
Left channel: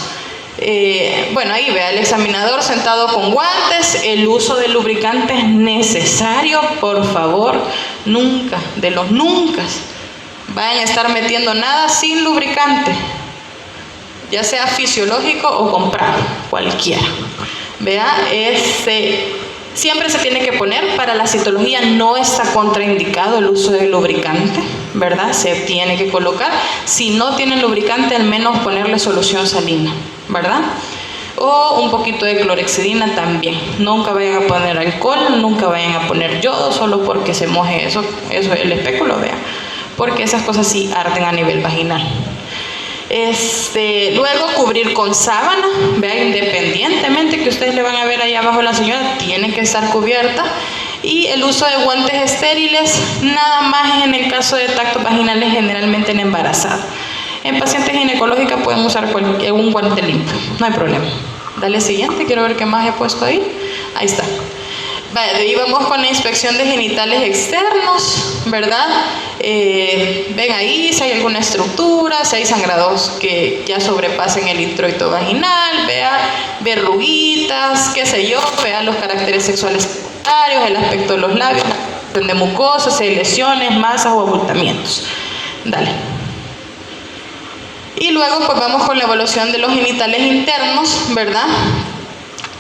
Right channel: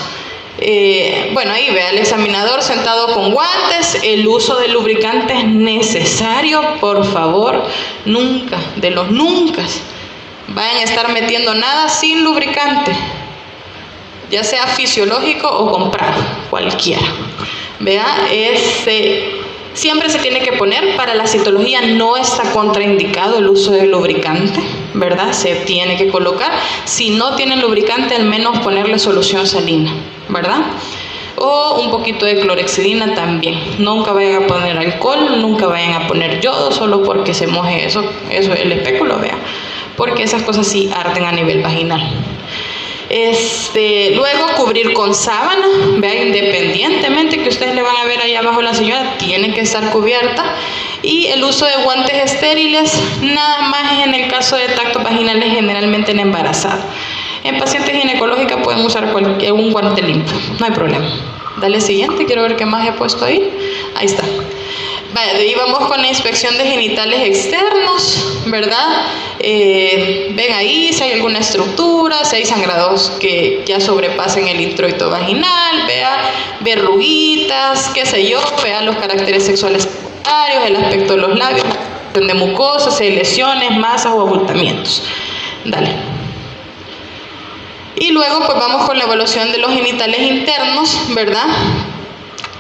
Bueno, ahí vea el examinador sentado con guantes. El uso de lubricante es necesario, por favor, nunca, de los nunca vayan a estar metiendo nada sin lubricante, ya sea fisiológico o comprado, cualquiera. Vea, siempre se tiene que poner, para la citología no está contraindicado el uso de lubricante, ¿verdad? Se tiene que colocar. Si no tienen lubricante, al menos ponerle solución salina, ¿verdad? O un poquito de clorexidina también. Nunca vayan a poner alcohol, nunca vayan a poner yodo, solo porque se moje eso el espéculo, vea. Porque esas cosas sí arden a nivel vaginal. Luego cubrir con sábana, vean, independientemente que ustedes le van a ver ahí abajo a la señora, tiene que estar cubierta. Y el uso de guantes estériles, nada más en el caso de tactos vaginales, generalmente en embarazada. En pacientes ginecológicas pueden usar un guante limpio, no hay problema. Dale siguiente, quiero ver qué más he puesto ahí. Ahí está. Vale, de ahí vamos con la inspección de genitales externos, ¿verdad? Ven ahí si hay alguna estructura, si hay sangrados que ya sobrepasen el introito vaginal, vea verruguitas, qué sé yo, vea los caracteres sexuales secundarios, el aspecto de los labios, de mucosas, si hay lesiones, masas o abultamientos. Dale. Y luego pues vamos con la evaluación de los genitales internos, ¿verdad?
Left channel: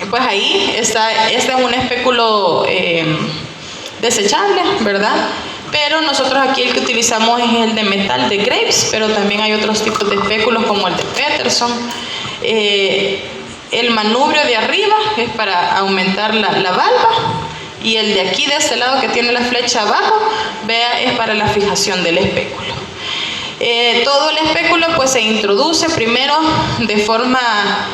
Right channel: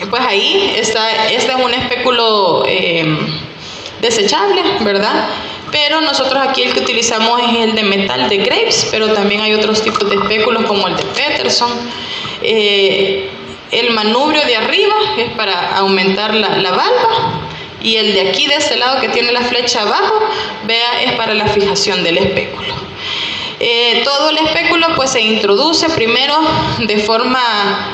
Pues ahí está, este es un espéculo desechable, ¿verdad? Pero nosotros aquí el que utilizamos es el de metal de Graves, pero también hay otros tipos de espéculos como el de Peterson. El manubrio de arriba es para aumentar la valva, y el de aquí, de este lado que tiene la flecha abajo, vea, es para la fijación del espéculo. Todo el espéculo pues se introduce primero de forma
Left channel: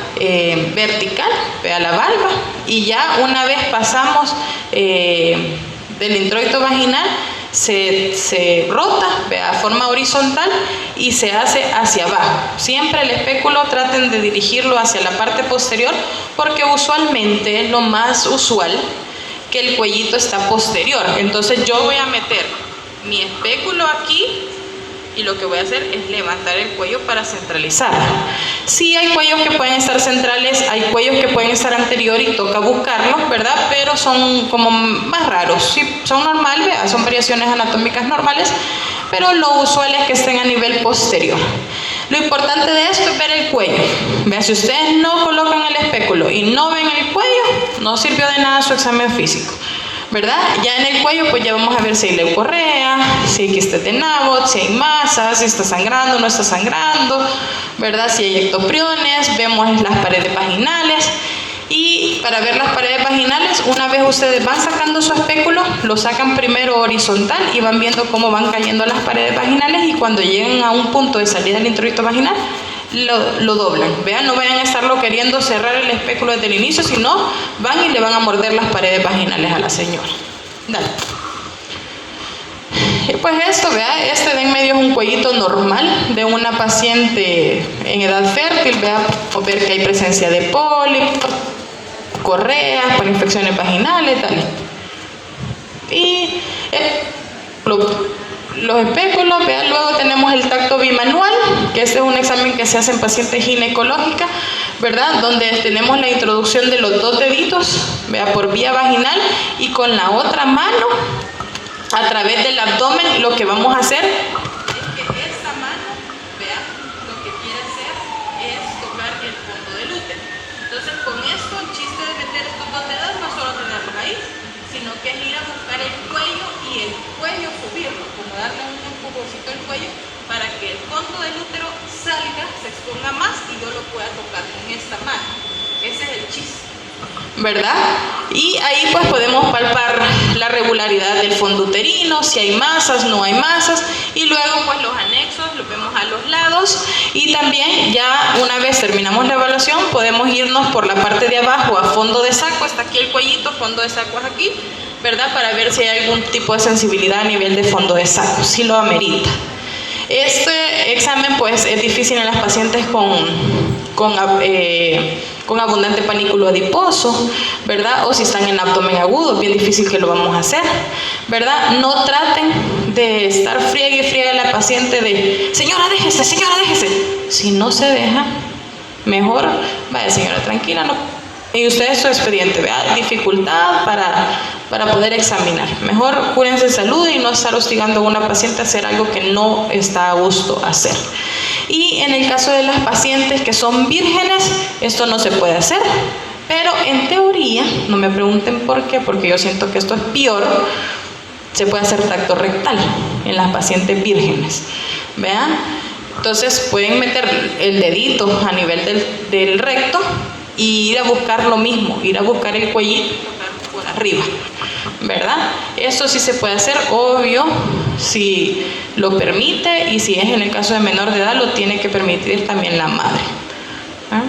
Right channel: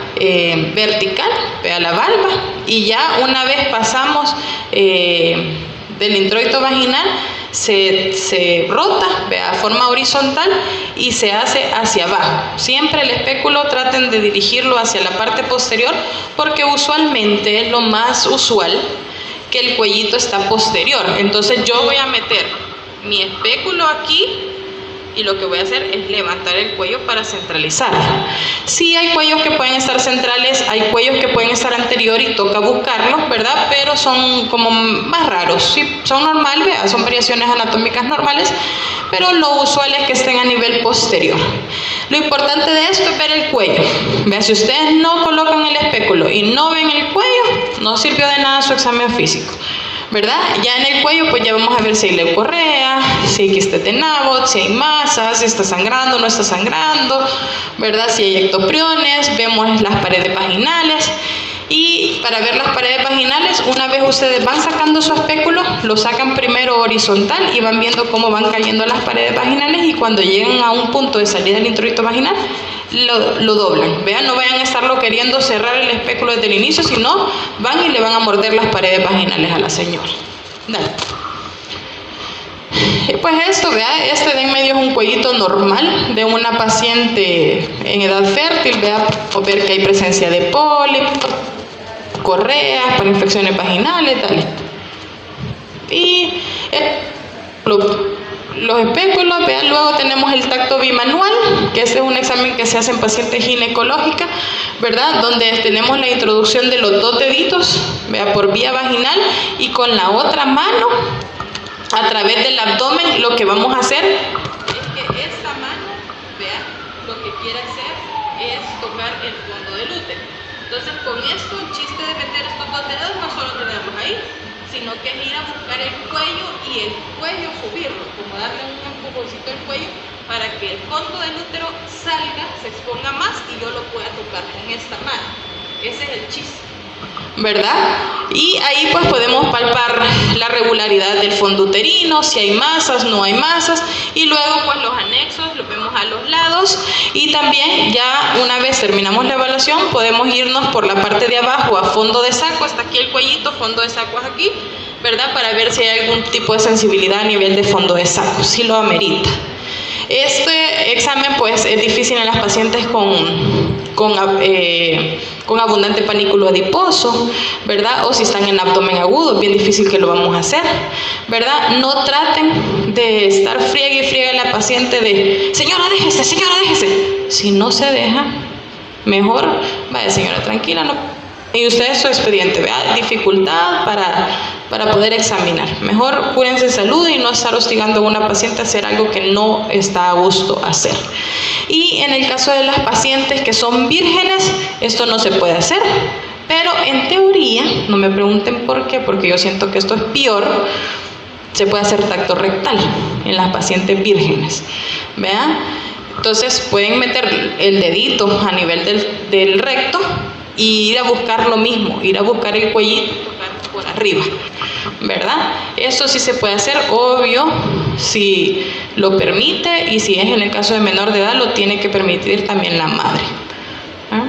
vertical, vea, la valva, y ya una vez pasamos del introito vaginal, se rota, vea, forma horizontal y se hace hacia abajo. Siempre el espéculo traten de dirigirlo hacia la parte posterior, porque usualmente es lo más usual que el cuellito está posterior. Entonces yo voy a meter mi espéculo aquí y lo que voy a hacer es levantar el cuello para centralizar. Sí hay cuellos que pueden estar centrales, hay cuellos que pueden estar anterior y toca buscarlos, ¿verdad? Pero son como más raros. Sí, son normales, ¿verdad? Son variaciones anatómicas normales, pero lo usual es que estén a nivel posterior. Lo importante de esto es ver el cuello. Vean, si ustedes no colocan el espéculo y no ven el cuello, no sirvió de nada su examen físico, ¿verdad? Ya en el cuello pues ya vamos a ver si hay leucorrea, si hay quistes de Nabot, si hay masas, si está sangrando, no está sangrando, ¿verdad? Si hay ectopriones, vemos las paredes vaginales. Y para ver las paredes vaginales, una vez ustedes van sacando su espéculo, lo sacan primero horizontal y van viendo cómo van cayendo las paredes vaginales, y cuando lleguen a un punto de salida del introito vaginal, lo doblan. Vean, no vayan a estarlo queriendo cerrar el espéculo desde el inicio, sino van y le van a morder las paredes vaginales a la señora. Dale. Pues esto, vea, este de en medio es un cuellito normal de una paciente en edad fértil, vea, o ver que hay presencia de pólipos, correas, para infecciones vaginales, tal. Y los espéculos, vea, luego tenemos el tacto bimanual, que este es un examen que se hace en pacientes ginecológicas, ¿verdad? Donde tenemos la introducción de los dos deditos, vea, por vía vaginal, y con la otra mano, a través del abdomen, lo que vamos a hacer es que esta mano, vea, lo que quiere hacer es tocar el fondo del útero. Entonces, con esto, el chiste de meter estos dos dedos no solo tenerlos ahí, sino que es ir a buscar el cuello y el cuello subirlo, como darle un empujoncito al cuello para que el fondo del útero salga, se exponga más y yo lo pueda tocar con esta mano. Ese es el chiste, ¿verdad? Y ahí pues podemos palpar la regularidad del fondo uterino, si hay masas, no hay masas, y luego pues los anexos los vemos a los lados, y también ya una vez terminamos la evaluación podemos irnos por la parte de abajo a fondo de saco, está aquí el cuellito, fondo de saco es aquí, ¿verdad? Para ver si hay algún tipo de sensibilidad a nivel de fondo de saco, si lo amerita. Este examen pues es difícil en las pacientes con abundante panículo adiposo, ¿verdad? O si están en abdomen agudo, es bien difícil que lo vamos a hacer, ¿verdad? No traten de estar friegue y friegue a la paciente de señora déjese, si no se deja, mejor vaya señora tranquila, no. Y usted su expediente, vea, dificultad para poder examinar. Mejor cúrense de salud y no estar hostigando a una paciente a hacer algo que no está a gusto hacer. Y en el caso de las pacientes que son vírgenes, esto no se puede hacer. Pero en teoría, no me pregunten por qué, porque yo siento que esto es peor, se puede hacer tacto rectal en las pacientes vírgenes. ¿Vean? Entonces pueden meter el dedito a nivel del recto y ir a buscar lo mismo, ir a buscar el cuellito por arriba, ¿verdad? Eso sí se puede hacer, obvio, si lo permite, y si es en el caso de menor de edad, lo tiene que permitir también la madre. ¿Ah?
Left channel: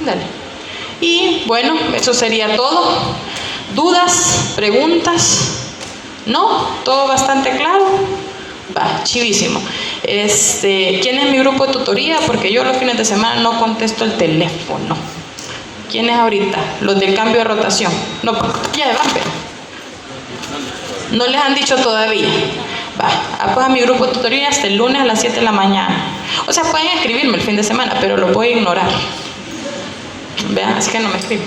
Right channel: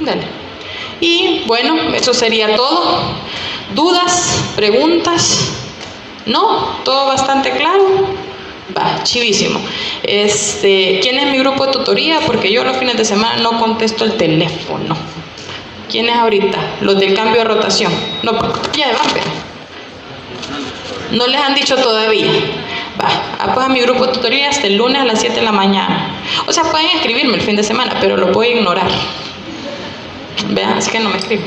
Dale. Y bueno, eso sería todo. ¿Dudas? ¿Preguntas? ¿No? ¿Todo bastante claro? Va, chivísimo. ¿Quién es mi grupo de tutoría? Porque yo los fines de semana no contesto el teléfono. ¿Quién es ahorita? Los del cambio de rotación. No, ya van, pero no les han dicho todavía. Va, pues a mi grupo de tutoría hasta el lunes a las 7 de la mañana. O sea, pueden escribirme el fin de semana, pero lo voy a ignorar. Vean, así que no me escriben.